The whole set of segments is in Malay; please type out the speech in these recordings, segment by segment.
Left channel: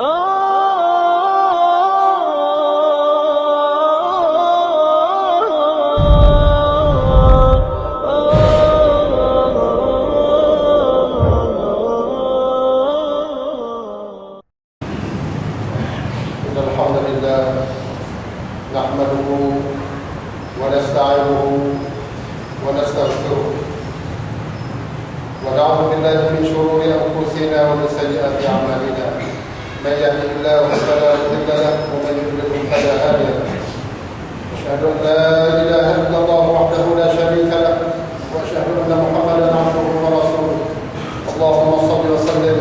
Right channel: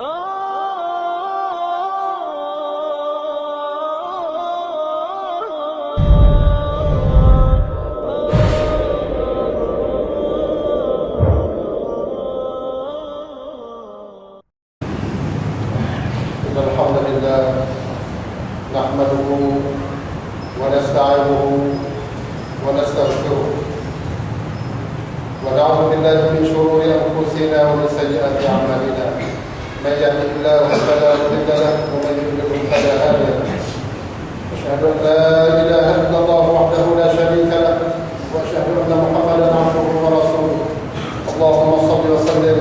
الحمد لله نحمده ونستعينه ونستغفره ونعوذ بالله من شرور أنفسنا ومن سيئات أعمالنا من يهده الله فلا مضل له ومن يضلل فلا هادي له أشهد أن لا إله إلا الله وحده لا شريك له وأشهد أن محمدا عبده ورسوله اللهم صل وسلم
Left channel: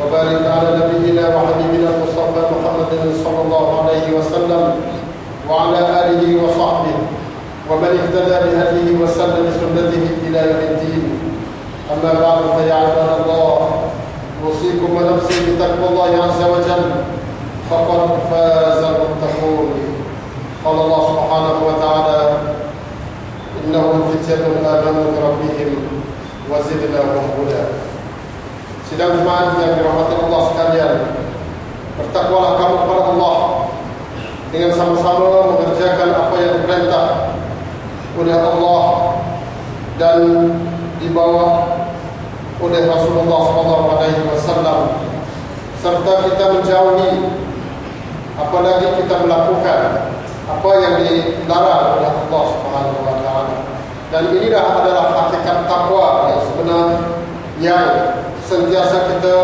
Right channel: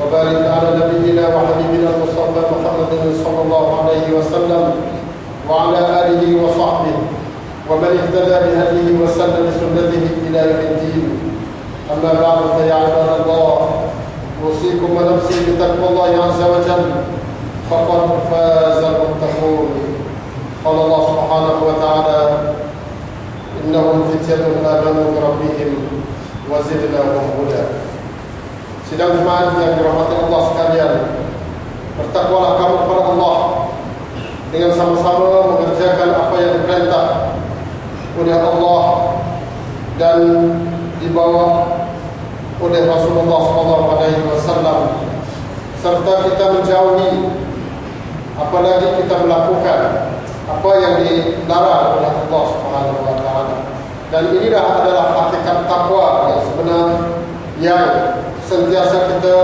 وبارك على نبينا وحبيبنا المصطفى محمد صلى الله عليه وسلم وعلى آله وصحبه ومن اهتدى بهديه وسلم بسنته إلى يوم الدين. أما بعد فيا عباد الله أوصيكم ونفسي بتقوى الله عز وجل فقد فاز المتقون. قال الله سبحانه وتعالى إنهم فتية آمنوا بربهم وزدناهم هدى. Sidang jemaat yang dirahmati Allah sekalian, bertakwalah kamu kepada Allah dengan sama-sama mengerjakan apa yang diperintah oleh Allah dan dibawa oleh Rasulullah SAW, serta kita menjauhi apalagi kita melakukan apa yang dilarang oleh Allah SWT. Dan inilah adalah hakikat takwa yang sebenar yang sentiasa kita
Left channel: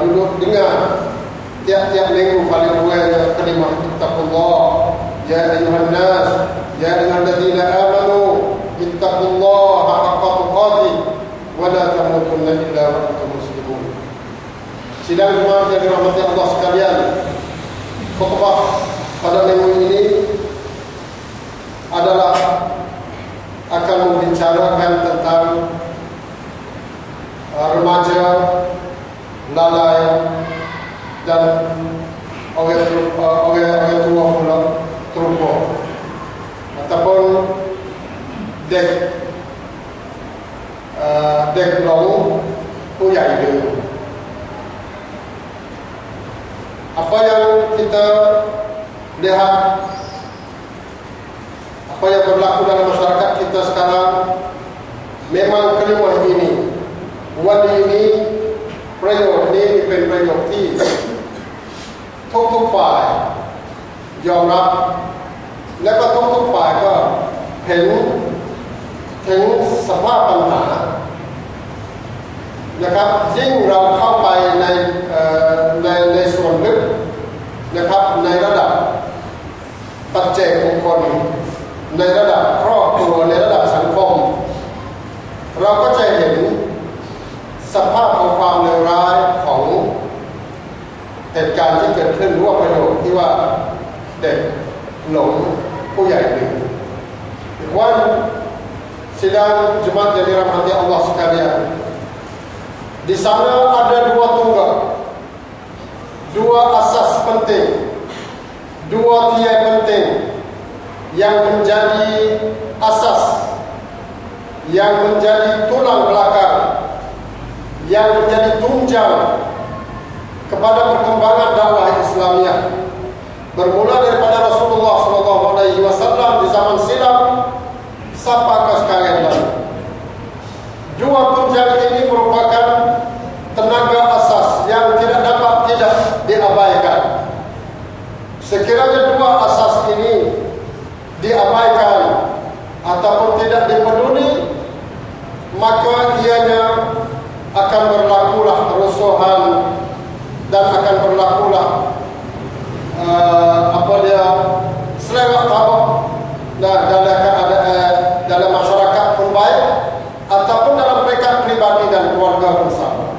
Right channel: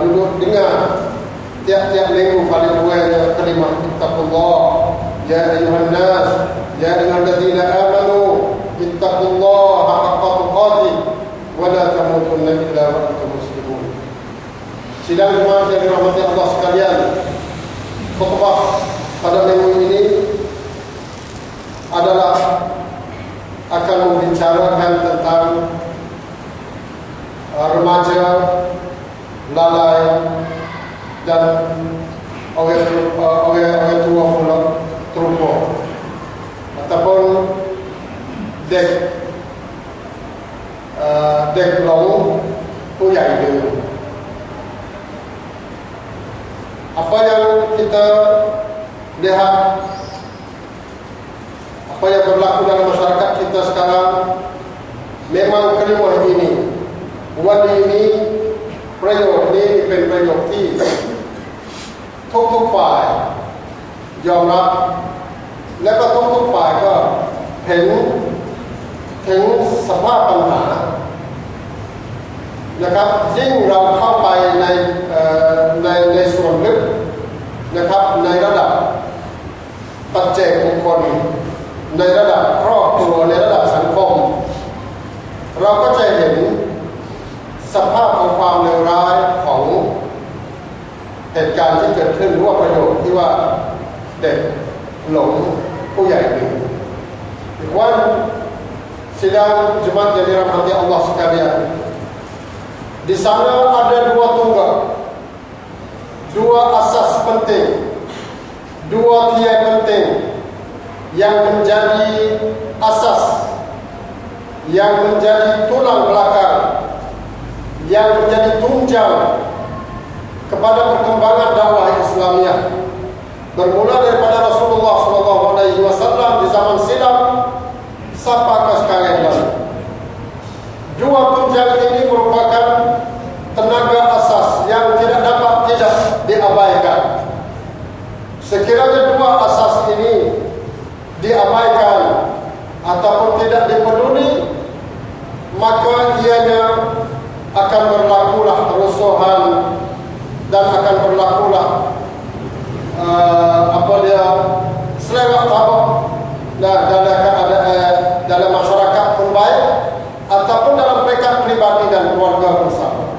duduk dengar tiap-tiap minggu paling kurangnya kalimah ittaqullah ya ayuhan nas ya ayyuhalladzina amanu ittaqullaha haqqa tuqatih wa la tamutunna illa wa antum muslimun. Sidang jemaat yang dirahmati Allah sekalian, khutbah pada minggu ini adalah akan membicarakan tentang remaja lalai dan orang tua pula terlupa ataupun dek long puyai dia. Apa yang kita lihat, apa yang berlaku dalam masyarakat kita sekarang, memang kalimah iniวันนี้ประโยคนี้เป็นประโยคที่ทุกฝ่ายยอมรับและก็ทุกฝ่ายก็เห็นถึงสภาพปัญหานะครับยิ่งเราเข้าไปในส่วนลึกนะครับในระดับปัจเจกบุคคลในระดับครอบครัวในระดับสังคมเราก็จะเห็นสภาพของความเลวร้ายของเหตุการณ์ที่เกิดขึ้นร่วมประโยชน์ที่ว่าเด็กหลงผู้ใหญ่ลืม Ikhwan sidang jemaat yang dirahmati Allah sekalian, di sana ada dua tunggal, dua asas penting, dua tiang penting yang menjadi asas, yang menjadi tulang belakang, yang menjadi tunjang kepada perkembangan dakwah Islamiyah, bermula daripada Rasulullah SAW di zaman silam sampai ke sekarang ini. Dua tunjang ini merupakan tenaga asas yang tidak dapat diabaikan. Sekiranya dua asas ini diabaikan ataupun tidak dipeduli, maka ianya akan berlakulah kerusuhan dan akan berlakulah selewat tabak dalam masyarakat pun baik ataupun dalam mereka pribadi dan keluarga bersama.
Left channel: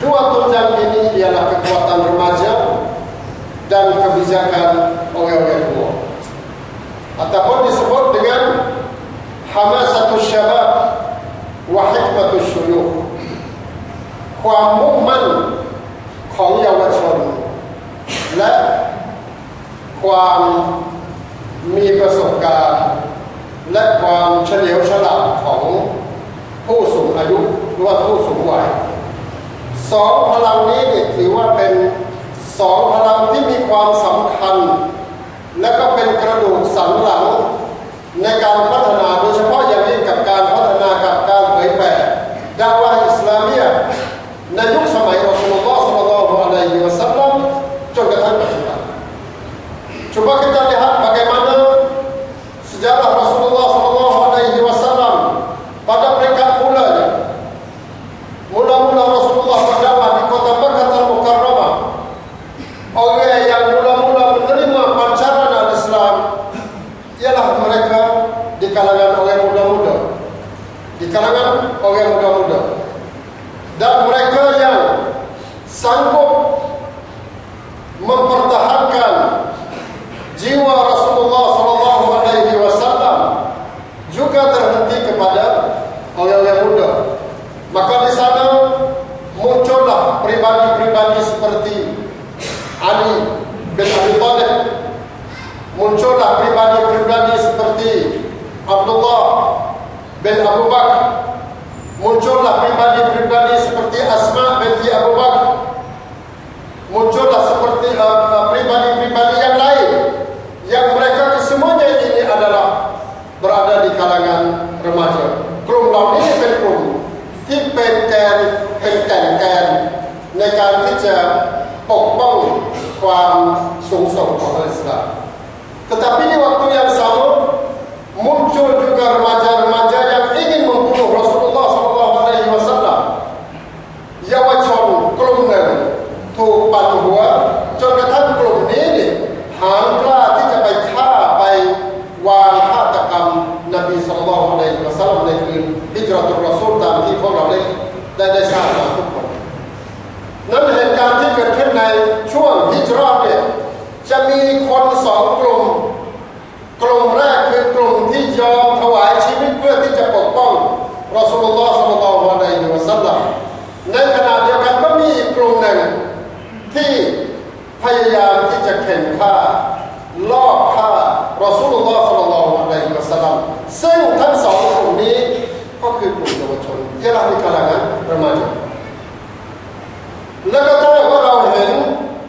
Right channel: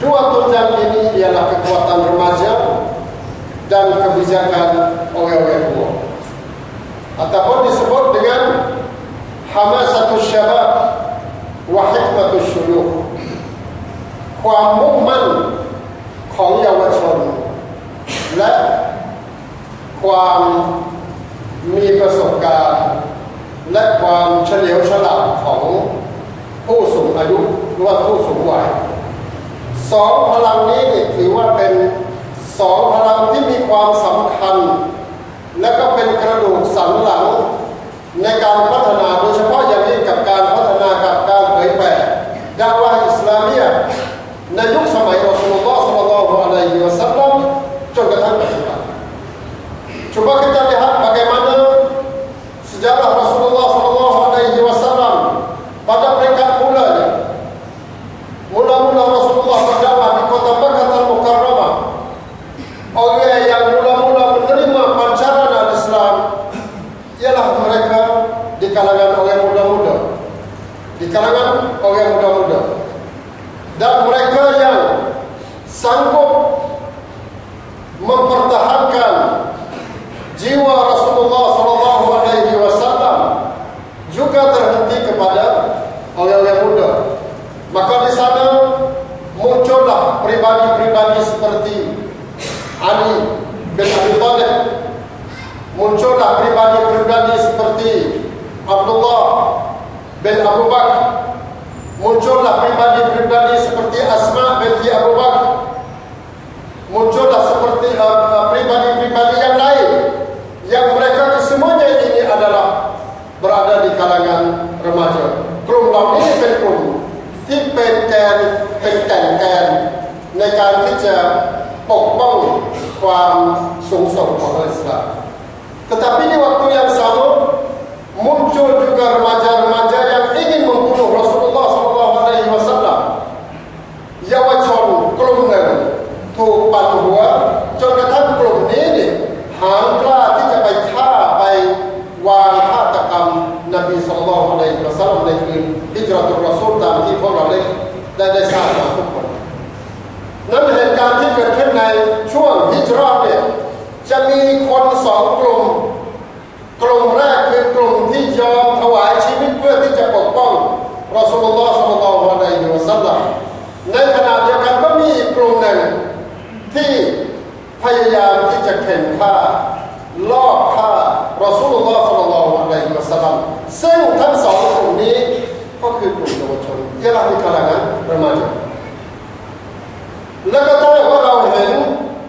Dua tunjang ini ialah kekuatan remaja dan kebijakan orang-orang tua, ataupun disebut dengan hamasatus syabab wa hikmatus syuyukh, ความมุ่งมั่นของเยาวชนและความมีประสบการณ์และความเฉลียวฉลาดของผู้สูงอายุหรือว่าผู้สูงวัย ส สองพลังนี้นี่ถือว่าเป็นสองพลังที่มีความสำคัญและก็เป็นกระดูกสันหลังในการพัฒนาโดยเฉพาะอย่างยิ่งกับการพัฒนากับการเผยแผ่ดาวะห์อิสลามียะห์ในยุคสมัยรอซูลุลลอฮ์ ศ็อลลัลลอฮุอะลัยฮิวะซัลลัมจนกระทั่งปัจจุบัน Coba kita lihat bagaimana sejarah Rasulullah sallallahu alaihi wasallam pada peringkat mulanya. Mula-mula Rasulullah berdakwah di kota Makkah Al-Mukarramah. Orang yang mula-mula menerima pancaran al-Islam ialah mereka di kalangan orang muda-muda. Di kalangan orang muda-muda. Dan mereka yang sanggup mempertahankan jiwa Rasulullah sallallahu alaihi wasallam juga terhenti kepada orang-orang muda. Maka di sana muncullah pribadi-pribadi seperti Ali bin Abi Thalib, muncullah pribadi-pribadi seperti Abdullah bin Abu Bakar, muncullah pribadi-pribadi seperti Asma binti Abu Bakar, muncullah seperti pribadi-pribadi yang lain yang mereka kesemuanya ini adalah berada di kalangan remaja. กลุ่มเหล่านี้เป็นกลุ่มที่เป็นแกนในการที่จะปกป้องความสูงส่งของอิสลาม Tetapi di waktu yang sama muncul juga remaja-remaja yang ingin membunuh Rasulullah SAW. เยาวชนกลุ่มหนึ่งถูกปั่นหัวจนกระทั่งกลุ่มนี้นี่หาญกล้าที่จะไปฆ่าไปวางฆาตกรรมนบีศ็อลลัลลอฮุอะลัยฮิวะซัลลัมในคืนฮิจเราะตุรรอซูลตามที่พวกเราได้ทราบมาทุกคนนั้นเหตุการณ์ที่เกิดขึ้นในช่วงฮิจเราะห์เนี่ยจะมีคนสองกลุ่มแรกคือกลุ่มที่ยอมถวายชีวิตเพื่อที่จะปกป้องรอซูลุลลอฮ์ ศ็อลลัลลอฮุอะลัยฮิวะซัลลัมในขณะเดียวกันก็มีอีกกลุ่มหนึ่งที่พยายามที่จะเข็นฆ่าลอบฆ่ารอซูลุลลอฮ์ ศ็อลลัลลอฮุอะลัยฮิวะซัลลัมซึ่งทั้งสองกลุ่มนี้ก็คือกลุ่มเยาวชนที่เราในkalanganรemajaแล้วก็ถ้าว่าเราเห็น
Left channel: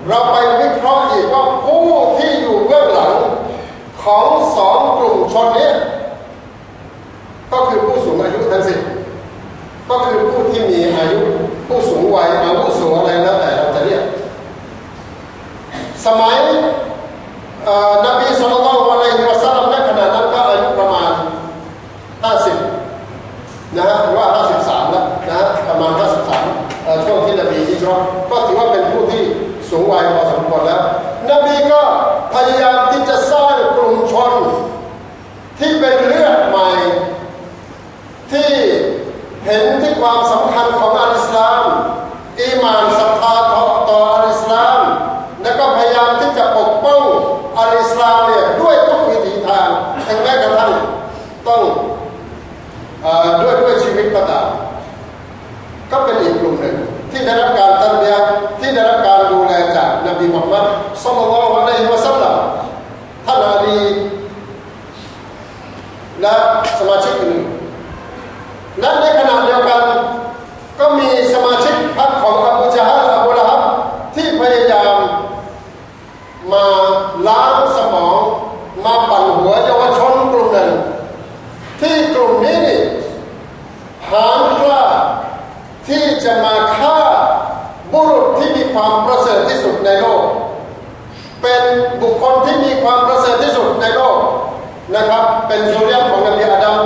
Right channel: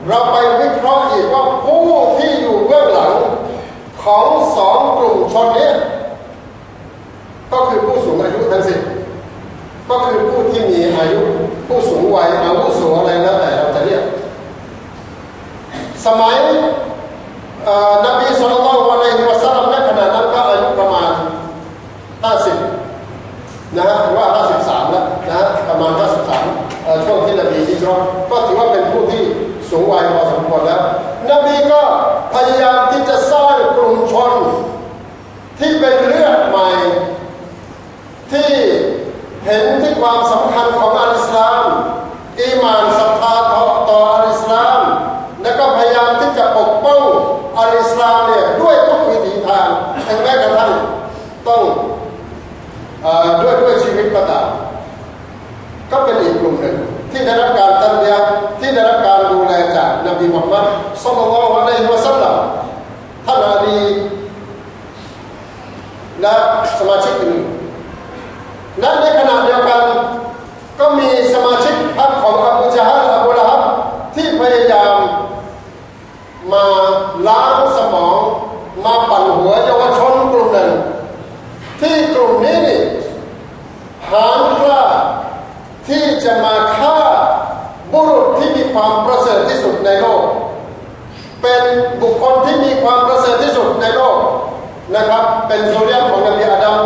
เราไปวิเคราะห์อีกว่าผู้ที่อยู่เบื้องหลังของสองกลุ่มชนนี้ก็คือผู้สูงอายุทั้งสิ้นก็คือผู้ที่มีอายุผู้สูงวัยอาวุโสอะไรแล้วแต่เราจะเรียกสมัยนบีศ็อลลัลลอฮุอะลัยฮิวะซัลลัมในขณะนั้นก็อายุประมาณ50นะฮะหรือว่า53แล้วนะฮะประมาณ53ช่วงที่นบีฮิจเราะห์ก็ถือว่าเป็นผู้ที่สูงวัยพอสมควรแล้วนบีก็พยายามที่จะสร้างกลุ่มชนที่เป็นเลือดใหม่ที่เห็นที่ความสำคัญของอัลอิสลามอีหม่านศรัทธาต่ออัลอิสลามและก็พยายามที่จะปกป้องอัลอิสลามเนี่ยด้วยทุกวิถีทางถึงแม้กระทั่งต้องด้วยชีวิตก็ตามก็เป็นอีกกลุ่มหนึ่งที่ได้รับการตันเบียะห์ที่ได้รับการดูแลจากนบีมุฮัมมัด ศ็อลลัลลอฮุอะลัยฮิวะซัลลัมท่านอาลีและสมาชิกอื่นและในขณะเดียวกันก็มีสมาชิกพรรคของอบูญะฮัล อบูละฮับที่พยายามมาล้างสมองมาปั่นหัวเยาวชนกลุ่มหนึ่งที่กลุ่มนี้นี่หาญกล้าที่จะมาฆ่าบุรุษที่มีความประเสริฐที่สุดในโลกเป็นบุคคลที่มีความประเสริฐที่สุดในโลกนะครับเป็นซุรยะห์ของนบีอาดัม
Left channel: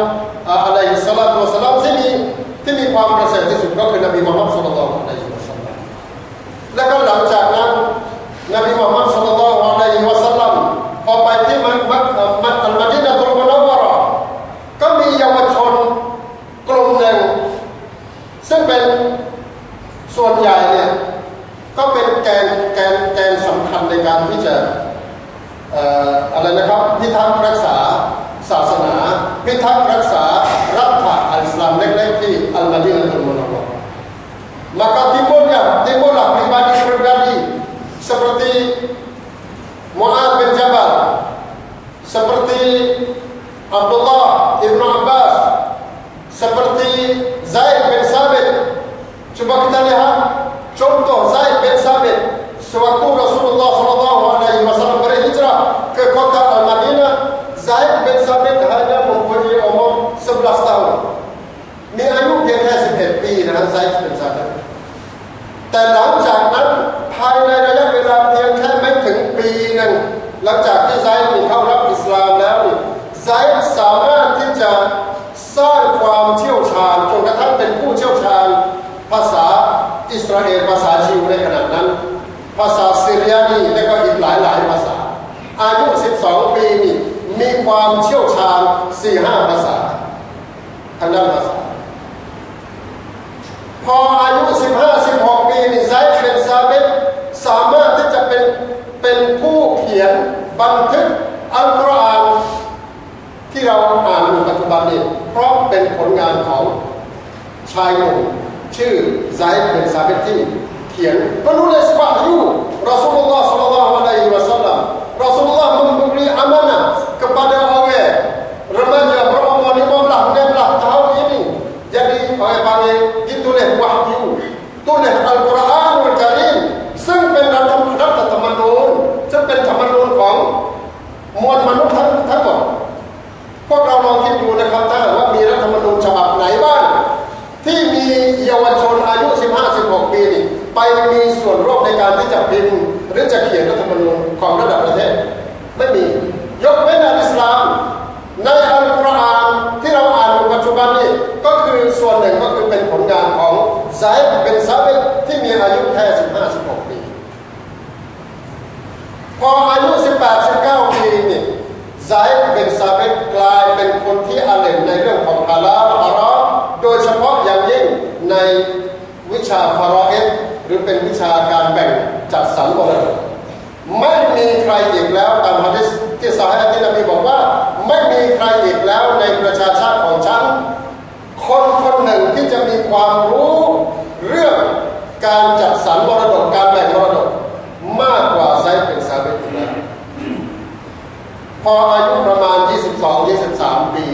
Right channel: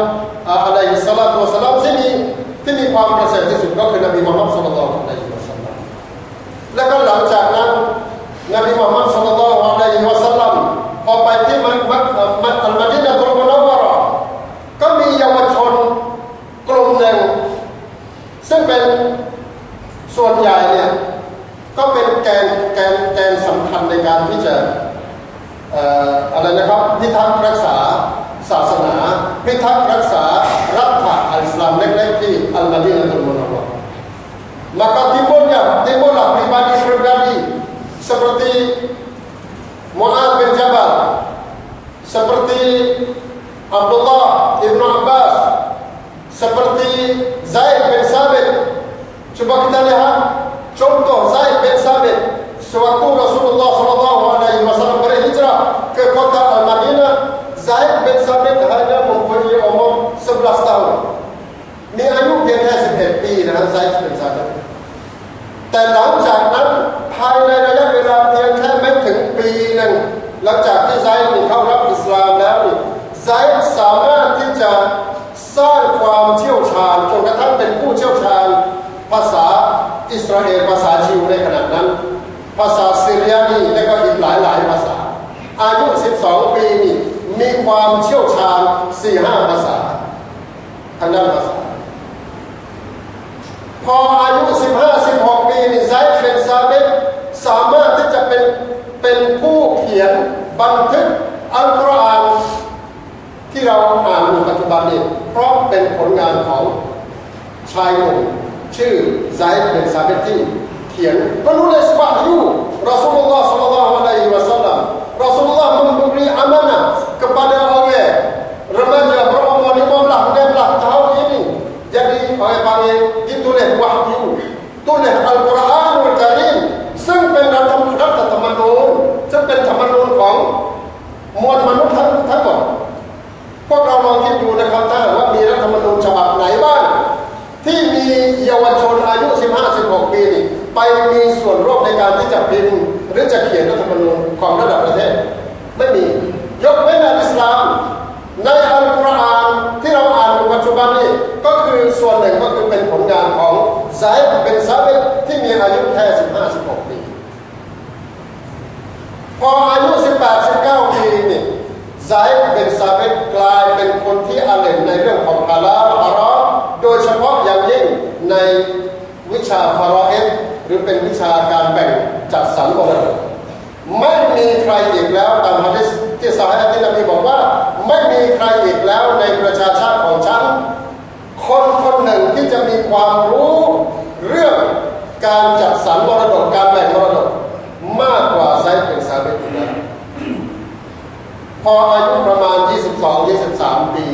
อะลัยฮิสสลาตุวะสสลามที่มีความประเสริฐที่สุดก็คือนบีมุฮัมมัด ศ็อลลัลลอฮุอะลัยฮิวะซัลลัมและก็หลังจากนั้นนบีมุฮัมมัด ศ็อลลัลลอฮุอะลัยฮิวะซัลลัมพอไปที่มักอัลมะดีนะตุลมุนัววะเราะห์ก็มีเยาวชนกลุ่มหนึ่งซึ่งเป็นส่วนใหญ่เนี่ยก็เป็นแกนสำคัญในการที่จะอะไรนะครับพิทักษ์รักษาศาสนาพิทักษ์รักษารัฐอัลอิสลามเล็กๆที่อัลมะดีนะตุลมุนัววะเราะห์ maka timbullah pribadi-pribadi seperti Mu'adz bin Jabal, seperti Abdullah ibn Abbas, seperti Zaid bin Sabit. Coba kita lihat Contoh Zaid bin Sabit, sewaktu Rasulullah SAW berhijrah ke kota Al-Madinah, Zaid bin Sabit hanya mempunyai umur 11 tahun. มีอายุเพียงแค่11 ปีนะไซด์เป็น Sabit แต่หลังจากนั้นภายในระยะเวลาเพียงแค่ไม่ถึงปีหนึ่งหลังจากที่ไซด์เข้ารับอิสลามแล้วไซด์สามารถที่จะสร้างความเชี่ยวชาญจนกระทั่งเป็นผู้เชี่ยวชาญภาษาอิสราเอลภาษายิวในขณะนั้นภาษาซีเรียนีและก็อีกหลายภาษาอายุ12 ปีนี่มีความเชี่ยวชาญ 4-5 ภาษาทางด้านภาษาพออายุ 15-16 ปีนี่ไซด์bin Sabitสามารถที่จะเป็นผู้เขียนบันทึกอัลกุรอานที่เราอ่านอยู่ปัจจุบันนี้เพราะเป็นผลงานของชายหนุ่มชื่อไซด์bin Sabitที่เขียนpenulis wahyu Rasulullah SAW. Rasulullah memberi amanah kepada orang remaja berumur 15-16 tahun ini. Jadi orang panggil ditulis wahyu, tulis Al-Quranul Karim ซึ่งเป็นรัฐธรรมนูญซึ่งเป็นธรรมนูญของมวลมนุษย์ทั้งหมดพวกเราลองคิดดูนะครับถ้าว่ามีรัฐธรรมนูญฉบับไหนบ้างที่มีเยาวชนอายุ 15-16 ปีนี่ไปมีส่วนร่วมในการที่จะพิมพ์หรือจะเขียนรัฐธรรมนูญของระดับประเทศไม่มียกเว้นในอิสลามในอัลกุรอานที่เราอ่านในปัจจุบันนี้ก็คือส่วนหนึ่งก็คือเป็นผลงานของไซด์bin Sabitที่มีอายุแค่ 15-16 ปีพออายุ 18-19 ปีนี่ไซด์bin Sabit กลายเป็นคนที่อาเลมในเรื่องของฮาลาลฮารอมโดยเฉพาะอย่างยิ่งในวิชาฟารออิดหรือเป็นวิชาการแบ่งจัดสรรมรดกไม่มีใครอีกแล้วตามหะดีษที่ซอฮีฮ์ที่นบีบอกว่าไม่มีใครอีกแล้วในประชาชาติของฉันคนหนึ่งที่จะมีความรู้เรื่องการจัดสรรมรดกการแบ่งมรดกมากกว่าไซด์bin Sabitอีกแล้วพออายุประมาณ 22-23 ปี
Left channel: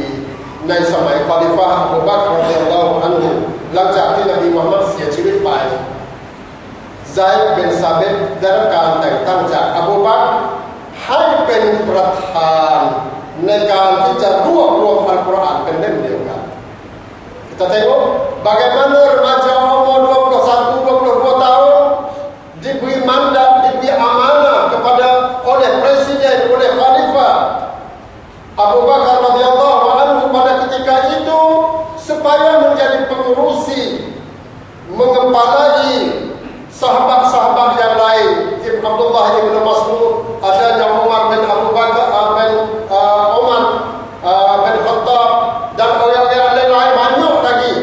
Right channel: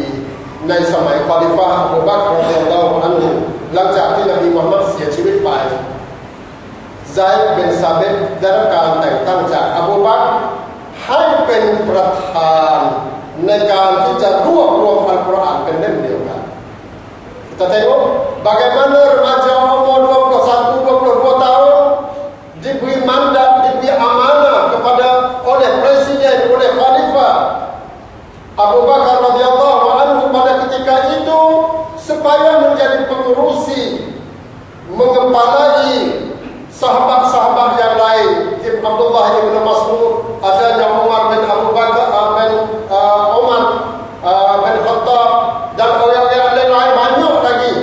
ในสมัยคอลิฟะห์อบูบักร รอฎิยัลลอฮุอันฮุหลังจากที่นบีมุฮัมมัดเสียชีวิตไปไซด์ bin Sabit ได้รับการแต่งตั้งจากอบูบักรให้เป็นประธานในการที่จะรวบรวมอัลกุรอานเป็นเล่มเดียวกัน Kita tengok bagaimana remaja umur 21-22 tahun diberi mandat, diberi amanah kepada oleh presiden, oleh khalifah Abu Bakar radhiyallahu anhu pada ketika itu supaya menjadi pengurusi, mengepalai sahabat-sahabat yang lain, Ibn Abdullah Ibn Mas'ud, adanya Umar bin Abu Bakar bin Umar bin Khattab dan orang-orang lain banyak lagi.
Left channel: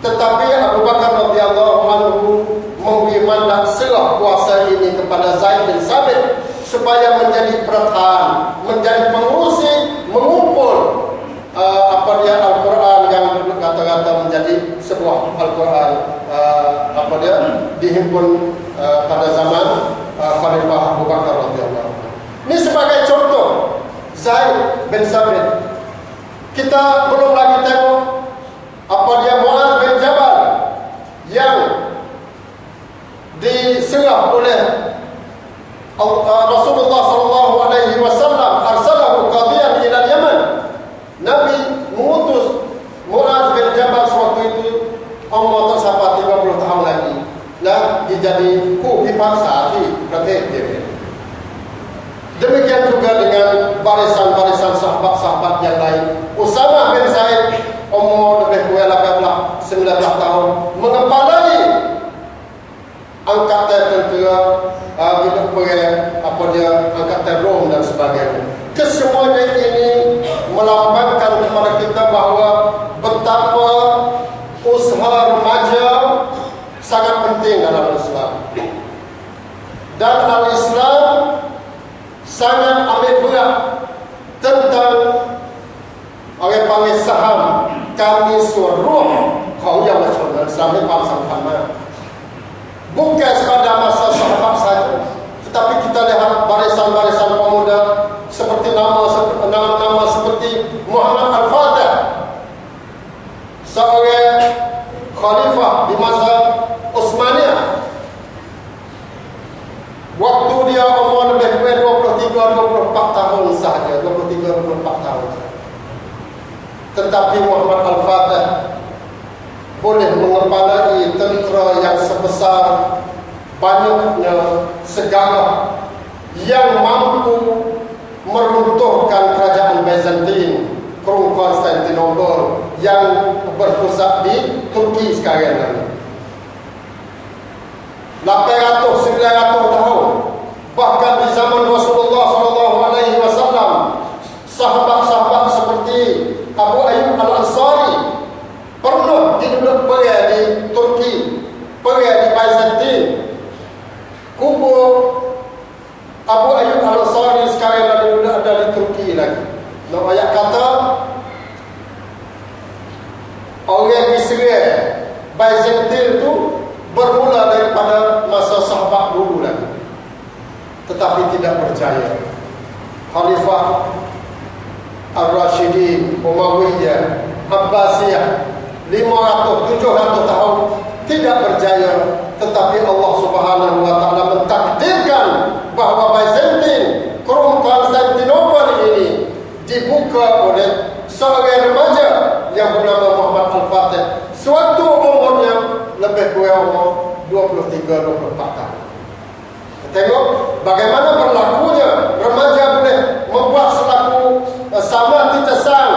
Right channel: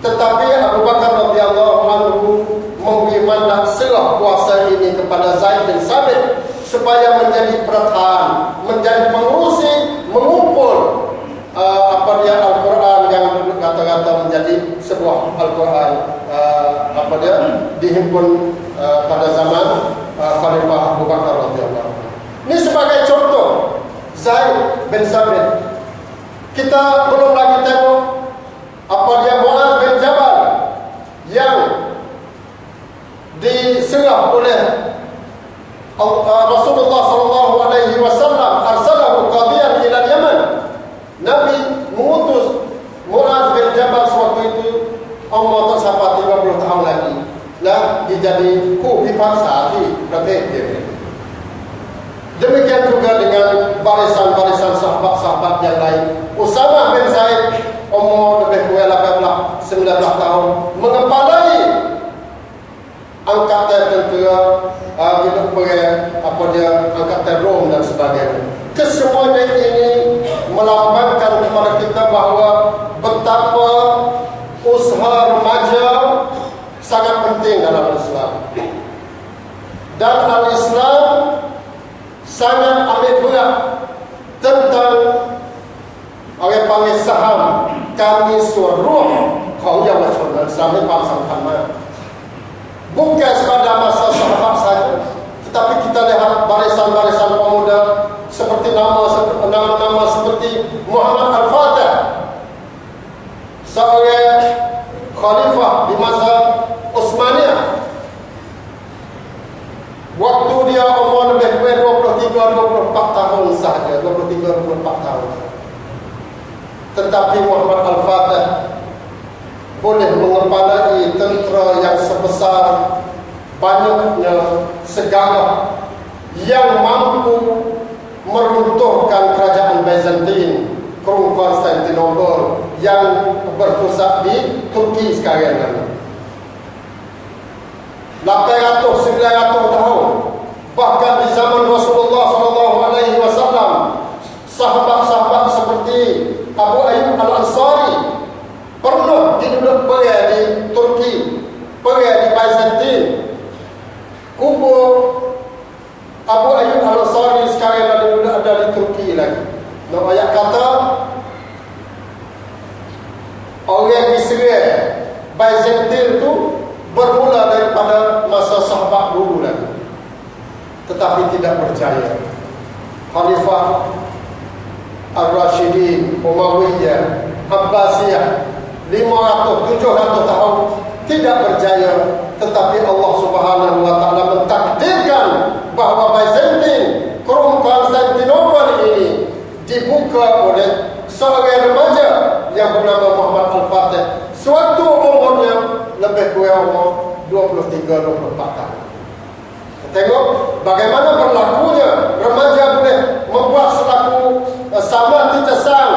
Tetapi Abu Bakar radhiyallahu anhu memberi mandat serah kuasa ini kepada Zaid bin Sabit supaya menjadi pertahan, menjadi pengurusi, mengumpul Al-Quran yang kata-kata menjadi sebuah Al-Quran dihimpun pada zaman Khalifah Abu Bakar radhiyallahu anhu. Ini sebagai contoh Zaid bin Sabit. Kita belum lagi tengok Mu'adz bin Jabal yang diserah oleh Rasulullah SAW arsalahu qadiyan ila Yaman. Nabi mengutus Mu'adz bin Jabal sewaktu itu umur tersampai 30 tahun lagi dan dijadi ผู้พิพากษาที่ประเทศเยเมน Demikian juga dengan barisan-barisan sahabat-sahabat yang lain. Usamah bin Zaid umur lebih kurang 19 tahun mengepalai angkatan tentera angkatan Rom dan sebagainya. Kesemuanya ini melambangkan kepada kita bahawa betapa usaha remaja sangat penting dalam Islam. Dan Al-Islam sangat ambil berat tentang orang panggil saham kami suruh ของเยาวชนอิสลามให้ความสำคัญมาก bukan sekadar masa sahabat saja tetapi kita lihat barisan-barisan pemuda seperti nama seperti Muhammad Al-Fatih, seorang khalifah di masa Utsmaniyah Waktu dia umur lebih kurang 23-24 tahun sahaja, 23-24 tahun sahaja. Tetapi Muhammad Al-Fatih boleh mengepalai tentera yang sebesar banyaknya segala yang mampu meruntuhkan kerajaan Byzantine, Krung Konstantinopel yang berpusat di Turki sekarang. 800-900 tahun, bahkan di zaman Rasulullah SAW, sahabat-sahabat seperti Abu Ayyub Al-Ansari pernah duduk pergi di Turki, pergi di Byzantine. Kubur Abu Ayyub Al-Ansari sekarang ada di Turki lagi. Nak ayat kata orang Israel Byzantine itu bermula daripada masa sahabat dulu lagi, tetapi tidak berjaya. Khalifah Ar-Rashidin, Umayyah, Abbasiyah 500-700 tahun tidak berjaya, tetapi Allah Subhanahu wa taala mentakdirkan bahawa Byzantine, Krung Konstantinopel ini dibuka oleh seorang remaja yang bernama Muhammad Al-Fatih. Suatu umurnya lebih kurang umur 23-24 tahun. Tengok bagaimana berlakunya remaja boleh membuat selaku sama titesang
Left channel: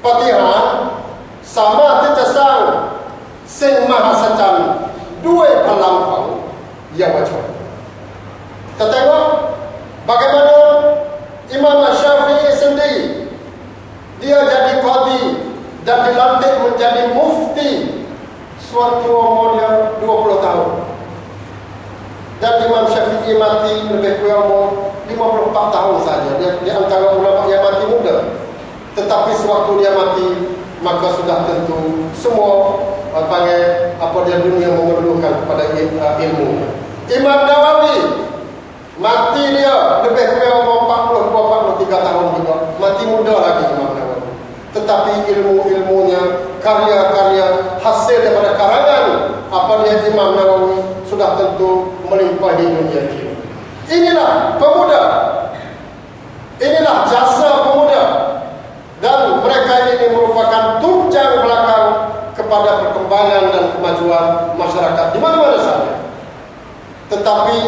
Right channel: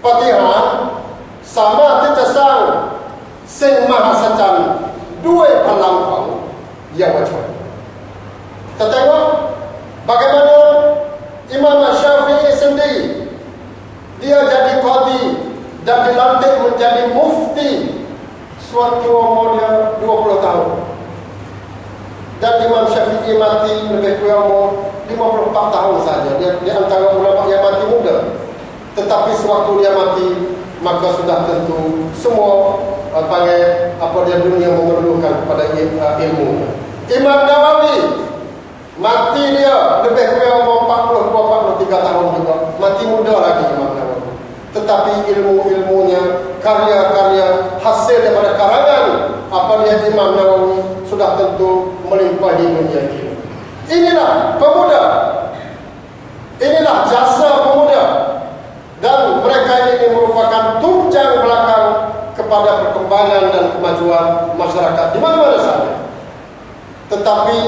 Patihan, sama titesang Sing Mahasacan, dua pelampang yang macam. Kita tengok bagaimana Imam Syafi'i sendiri, dia jadi qadi dan dilantik menjadi mufti suatu umurnya 20 tahun. Dan Imam Syafi'i mati lebih kurang umur 54 tahun saja. Dia di antara ulama yang mati muda. Tetapi sewaktu dia mati, maka sudah tentu semua dunia memerlukan kepada ilmu. Imam Nawawi mati dia lebih kurang umur 42-43 tahun juga. Mati muda lagi Imam Nawawi. Tetapi ilmu-ilmunya, karya-karya hasil daripada karangan Imam Nawawi sudah tentu melimpahi dunia ini. Inilah pemuda, inilah jasa pemuda, dan mereka ini merupakan tunjang belakang kepada perkembangan dan kemajuan masyarakat di mana-mana saja. Tetapi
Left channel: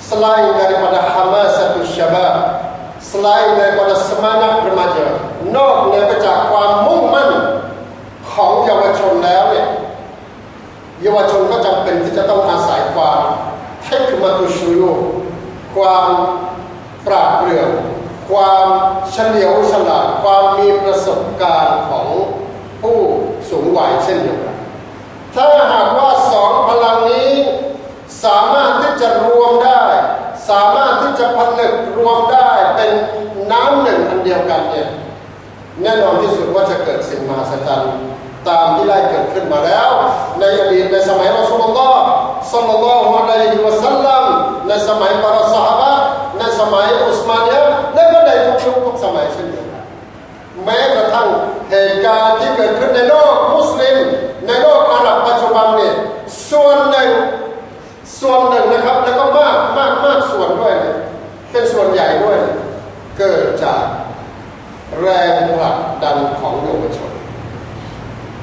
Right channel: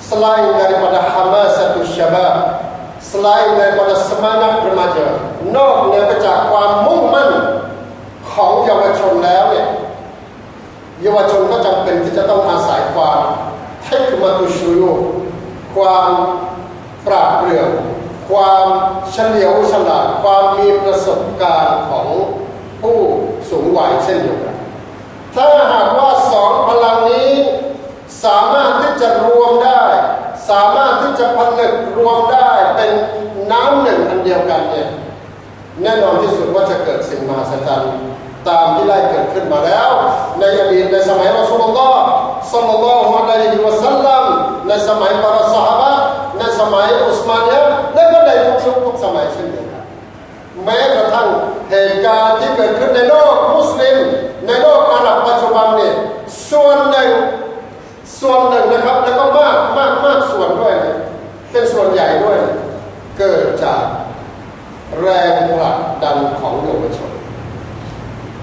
selain daripada hamasatus syabab, selain daripada semangat remaja, นอกเหนือไปจากความมุ่งมั่นของเยาวชนแล้วเนี่ยเยาวชนก็จำเป็นที่จะต้องอาศัยความเทคนิคมาตุชูโยความปราดเปรื่องความเฉลียวฉลาดความมีประสบการณ์ของผู้สูงวัยเช่นเดียวกันถ้าหากว่าสองพลังนี้สามารถที่จะรวมได้สามารถที่จะผนึกรวมได้เป็นน้ำหนึ่งอันเดียวกันเนี่ยแน่นอนที่สุดว่าจะเกิดสิ่งมหัศจรรย์ตามที่ได้เกิดขึ้นมาแล้วในอดีตในสมัยรอซูลุลลอฮ์ศ็อลลัลลอฮุอะลัยฮิวะซัลลัมในสมัยปารซอฮาบะห์ในสมัยอุสมานียะห์และก็ในทุกยุคทุกสมัยเช่นเดียวกันแม้กระทั่งเหตุการณ์ที่เกิดขึ้นในโลกมุสลิมในโลกอาหรับปัจจุบันเนี่ยส่วนหนึ่งนะครับแล้วก็มากส่วนด้วยเป็นส่วนใหญ่ด้วยเกิดจากแรงผลักดันของเยาวชน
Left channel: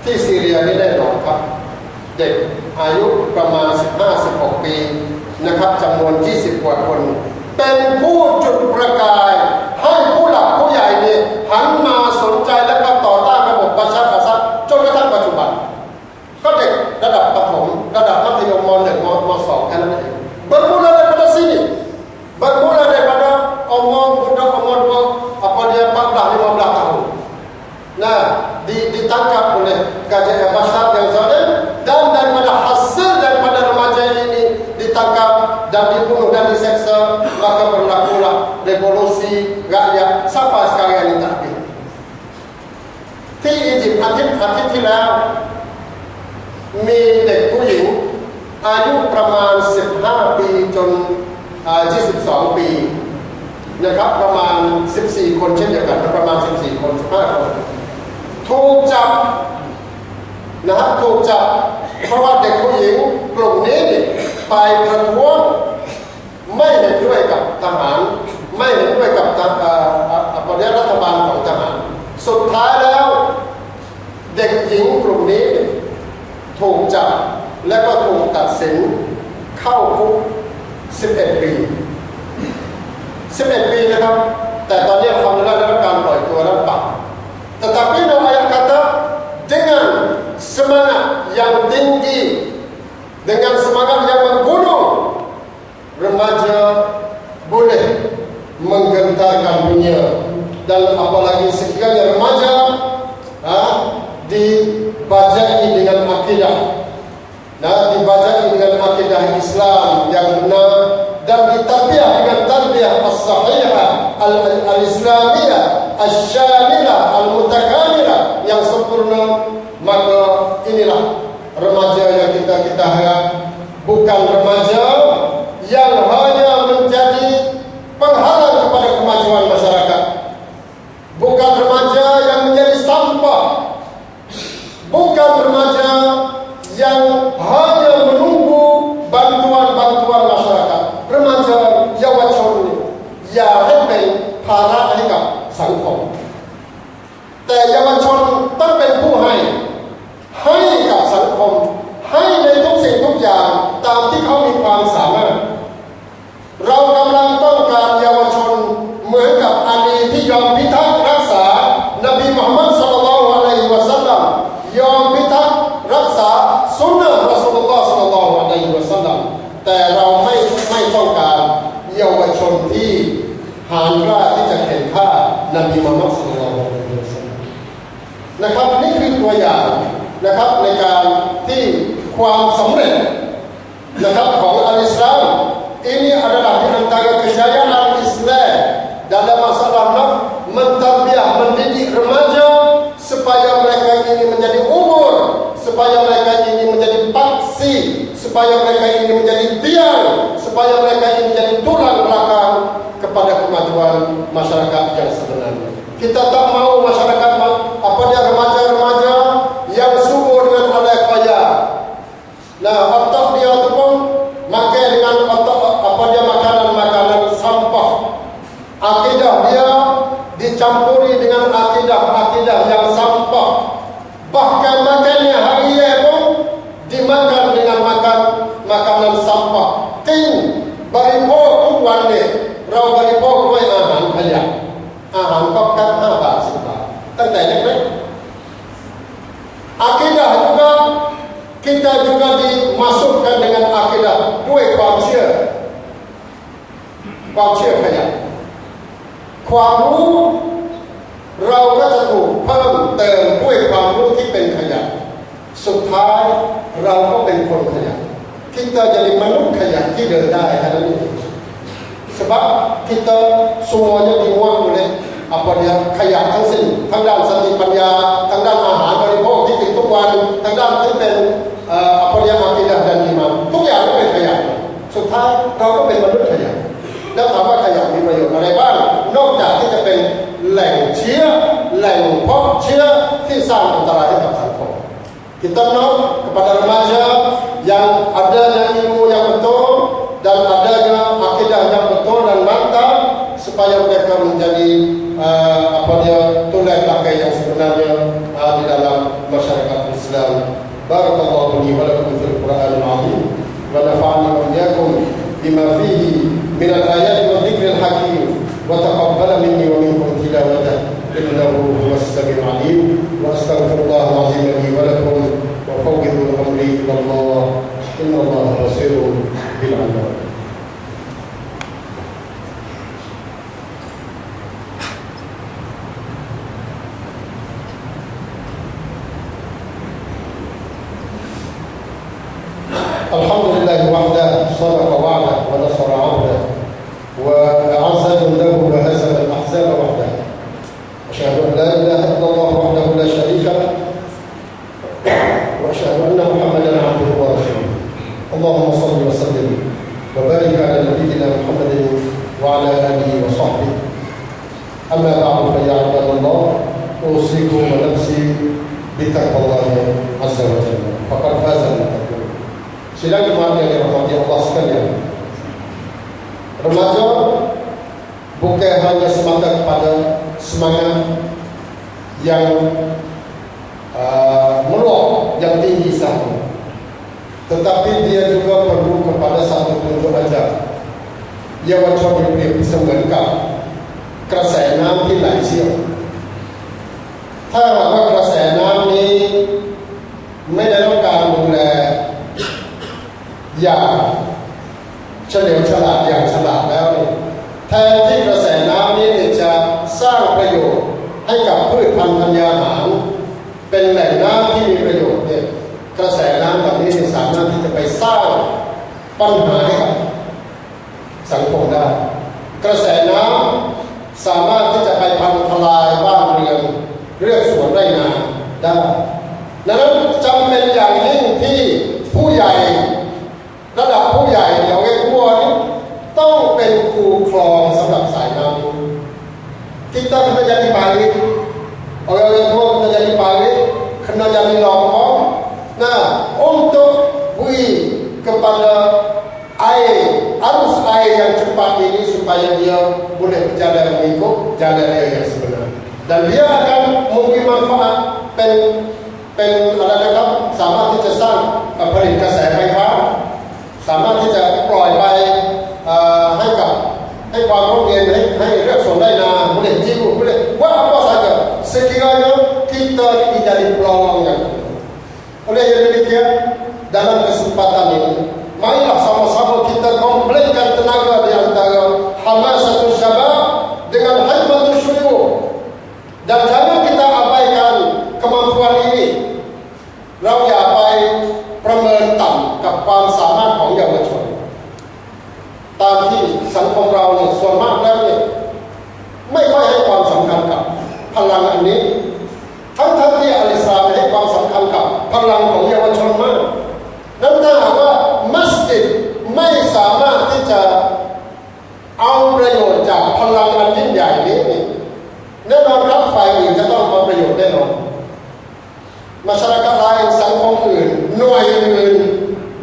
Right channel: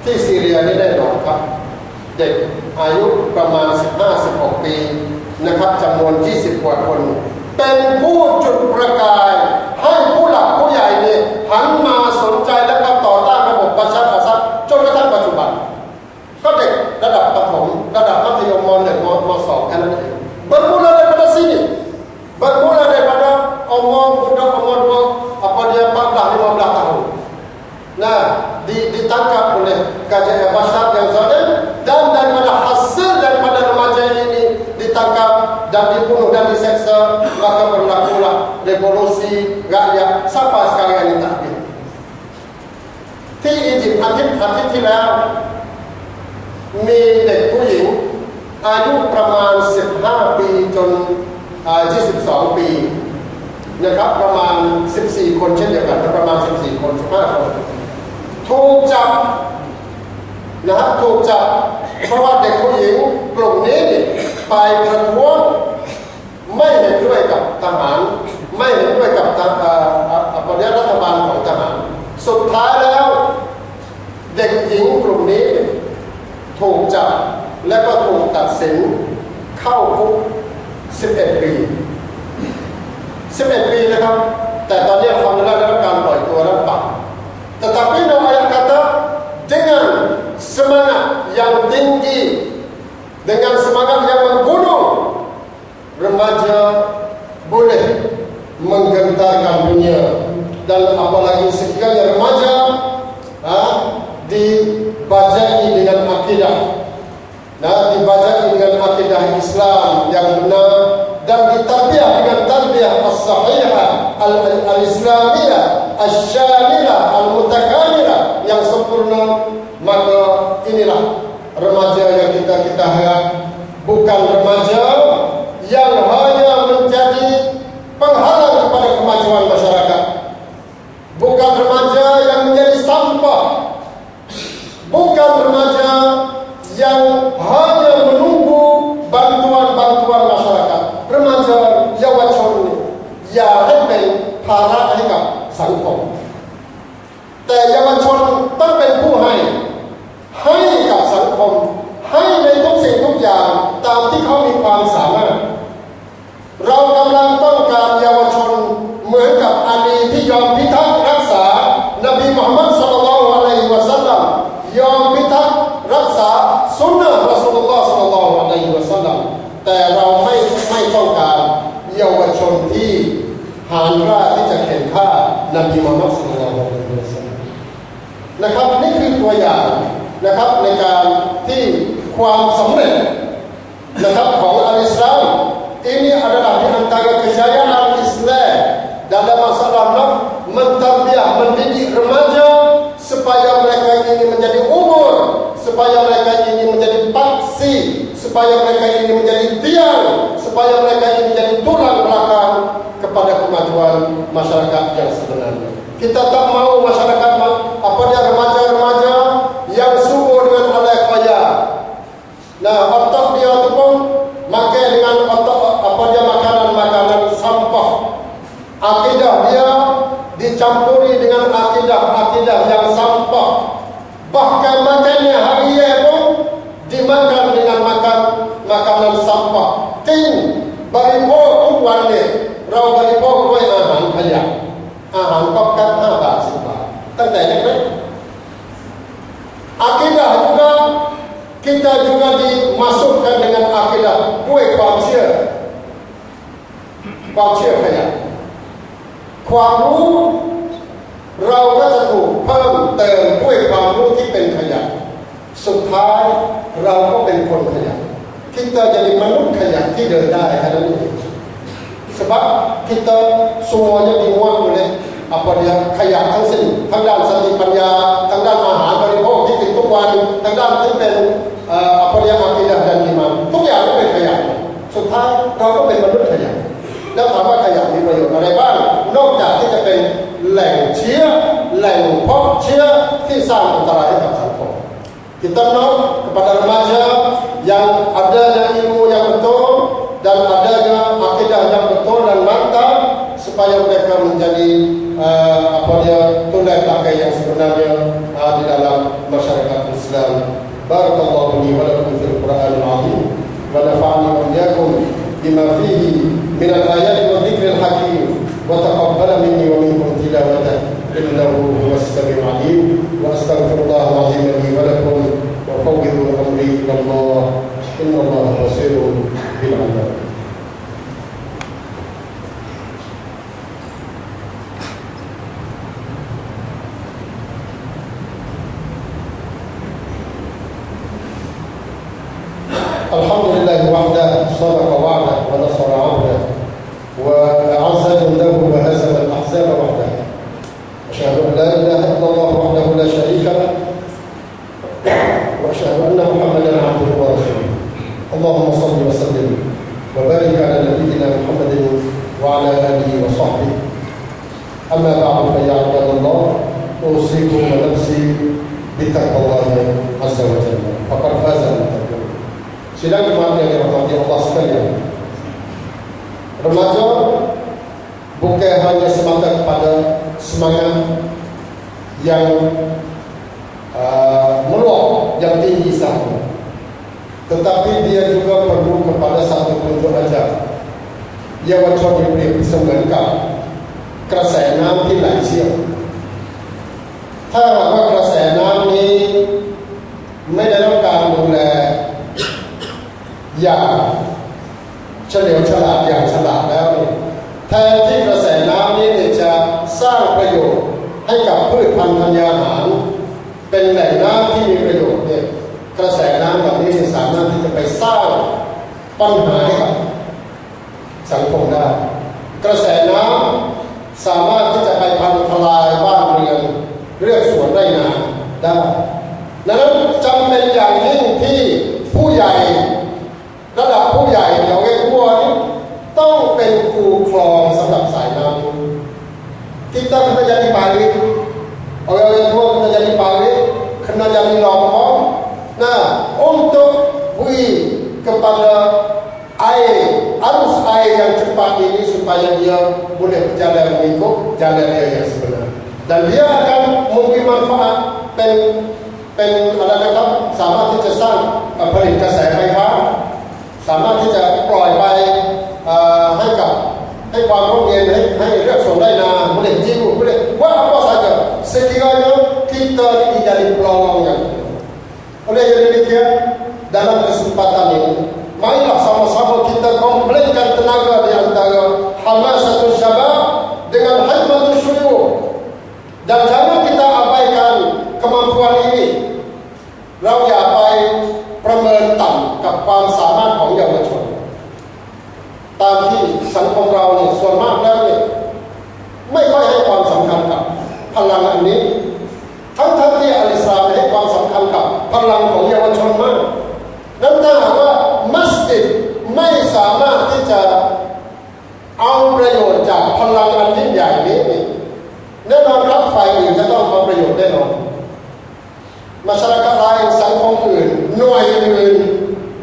ที่ซีเรียนี่แน่นอนครับเด็กอายุประมาณ 15-16 ปีนะครับจำนวน20กว่าคนเป็นผู้จุดประกายให้ผู้หลักผู้ใหญ่นี่หันมาสนใจและก็ต่อต้านระบบบัชรอาซัดจนกระทั่งปัจจุบันก็เด็กระดับประถมระดับมัธยมม.1 ม.2 แค่นั้นเองbermula daripada sini bermula daripada umur budak umur 14-15 tahun nah ditangkap oleh kajian Bashar yang zalim dan daripada hasil daripada remaja ini ditangkap dan dibunuh dan diseksa maka berlakulah revolusi rakyat sampai sekarang ini tak habisที่อียิปต์อาทิตย์ที่แล้วมีเด็กผู้หญิงอายุประมาณ15ปีจน22ปีนะครับประมาณ14คนเช่นเดียวกันประมาณ14คน15คนถูกจับนะครับถูกจับเพราะว่าเด็กผู้หญิงกลุ่มนี้ไปประท้วง ถูกจับและก็ถูกตัดสินเข้าคุก11 ปี11 ปีนะครับแต่ตอนนี้alhamdulillahได้รับการปล่อยตัวแล้วปรับtetapi ayat kata dengan semangat yang tinggi dengan semangat yang menggunung remaja boleh menggentarkan dunia dan apalagi sekiranya remaja dibajai dengan akidah dibajai dengan akidah Islam yang benar dan ditarbiyah dengan tarbiyah as-sahihah al-islamiyah as-syamilah al-mutakamilah yang sempurna, maka inilah remaja yang kita harap, bukan remaja yang hanya menjadi penghalang kepada kemajuan masyarakat, bukan remaja yang menjadi sampah, bukan remaja yang hanya menunggu bantuan-bantuan masyarakat. Remaja Yawachon niอย่าให้เป็นภาระให้กับสังคมแต่เยาวชนต้องเป็นผู้ให้กับสังคมให้ในทุกสิ่งทุกอย่างตามที่เขามีความสามารถเรากำลังต้องการเยาวชนเหมือนกับอาลีที่ยอมพิทักษ์รักษานบีมุฮัมมัดศ็อลลัลลอฮุอะลัยฮิวะซัลลัมยอมพิทักษ์รักษาสุนนะห์รอซูลุลลอฮ์ศ็อลลัลลอฮุอะลัยฮิวะซัลลัมแต่เราไม่ต้องการเยาวชนที่หาญร่าที่จะเข็นฆ่านบีมุฮัมมัดศ็อลลัลลอฮุอะลัยฮิวะซัลลัมนะครับนี่คือตัวอย่างนะครับในการที่ความสำเร็จนะครับของal-Islam ini adalah di antara kejayaan Islam dalam masalah mentarbiyah, mendidik remaja supaya mereka ini menjadi umur, supaya mereka ini menjadi paksi, supaya mereka ini menjadi tiang, supaya mereka ini menjadi tulang belakang kepada kemajuan masyarakat yang sebenarnya. Kita tak mau masyarakat remaja-remaja yang subur dengan alaiqaya. Nah, otak dia tu pun makan dengan otak makanan sampah. Akidah dia dicampuri dengan akidah yang sampah. Bahkan makannya harian pun dimakan dengan makanan sampah. Ting baripohทุกวันเนี่ยเราบริโภคด้วยอาหารขยะอาหารก๊อบแก๊บ5 บาท 10 บาทตั้งแต่เล็กๆ akidah juga kita juga dimasukkan dengan akidah ด้วยความเชื่อขยะความรู้เราก็จะถูกเพิ่มเติมด้วยความรู้ที่เป็นขยะสุดท้ายเราก็เป็นคนขยะ kita jadi manusia ขยะที่เดินได้แค่นั้นเอง sebab kita semuanya dimuat olehขยะทั้งสิ้นทั้งด้านสติปัญญาทั้งด้านอาหารบริโภคที่กินทุกวันทั้งด้านที่เป็นakidah dan iman ทุกอย่างก็เป็นขยะสุดท้ายเราก็เป็นมนุษย์ขยะแล้วถามว่าขยะมีประโยชน์อะไรบ้างนอกจากที่จะเป็นแหล่งเชื้อแหล่งเพาะเชื้อที่สร้างอันตรายให้กับสังคม kita mohon kepada remaja yang adanya ilmu yang betul dan adanya akidah yang betul dan mantap supaya mereka menjadi tulang belakang yang sebenarnya di dalam masyarakat Islam. Barakallahu li wa lakum fil Qur'anil 'azim wa nafa'ani wa iyyakum bima fihi min al-ayati wa dhikril hakim wa taqabbala minni wa minkum tilawatahu innahu huwas samiul 'alim wa astaghfirullahal 'azim li wa lakum wa fawwidu amri ila Allah innallaha basirun bil 'ibad. Alhamdulillah wahdah sadaqa wa'dah wa nasara 'abdah wa a'azza jundahu wa hazama al-ahzaba wahdah. Asyhadu an la ilaha illallah wahdahu la syarika lah wa asyhadu anna Muhammadan 'abduhu wa rasuluh. Allahumma shalli wa sallim wa barik 'ala nabiyyina Muhammadin wa 'ala alihi wa sahbihi. Amma ba'du fa ya 'ibadallah usikum wa nafsi bi taqwallahi 'azza wa jalla. Faqad faza al-muttaqun. Sidang jemaat yang dirahmati Allah sekalian, remaja bukan hanya semata kepada semangat yang meluap, yang tinggi sahaja, tetapi dia juga perlu kepada satu tunjuk ajar. เยาวชนเปรียบเสมือนกับกระแสน้ำที่ไหลเชี่ยวถ้าหากว่ากระแสน้ำนี้ไม่ได้รับการดูแลอย่างเฉลียวฉลาดอย่างฉลาดแล้วแทนที่กระแสน้ำนี้จะสร้างประโยชน์ให้กับพืชพันธุ์ธัญญาหารเป็นแหล่งน้ำที่มีประโยชน์กระแสน้ำแบบนี้สามารถที่จะไปสร้างปัญหาให้กับสังคมได้กระแสน้ำสามารถที่จะไปพังทลายบ้านเรือนเรือกสวนไร่นาได้ดังนั้นจำเป็นอย่างยิ่งที่ผู้ใหญ่ระดับผู้ใหญ่อย่างเอกวัวนี้ต้องเป็นครูคลองสำหรับสายน้ำ kita kena jadi parit orang tua kena jadi parit kena jadi longkong nah untuk beri kepada air arus air yang cepat ini supaya dia boleh berjalan mengikut jalan dia yang sebenar dan dia akan memberi manfaat เป็นอะไรนะครับสามารถที่จะสร้างผลิตกระแสไฟฟ้าสามารถที่จะปล่อยไปให้ความร่มเย็นให้เรือกสวนไร่นา boleh jiwu boleh buat apa saja sekiranya kita ini jadi pelongnya oleh yang demikian dalam kesempatan ini marilah sama-sama kita komplainkan tenaga di antara hamasatul syabab dengan hikmatul syuyukh dan jangan kita abaikan kemampuan ini เราอย่าไปประเมินต่ำกับความสามารถของเยาวชนตามที่สังคมเราเนี่ยส่วนมากแล้วเนี่ยไม่ค่อยให้ความสำคัญกับพลังอันนี้ทั้งที่อัลอิสลามให้ความสำคัญกับพลังของเยาวชนมากนั้นถ้าหากว่ามัสยิดไม่สามารถที่จะเอาประโยชน์จากพลังอันยิ่งใหญ่นี้แน่นอนครับฝ่ายอื่นจะต้องเอาประโยชน์แน่นอนmasyarakat lain สังคมอื่นหน่วยอื่น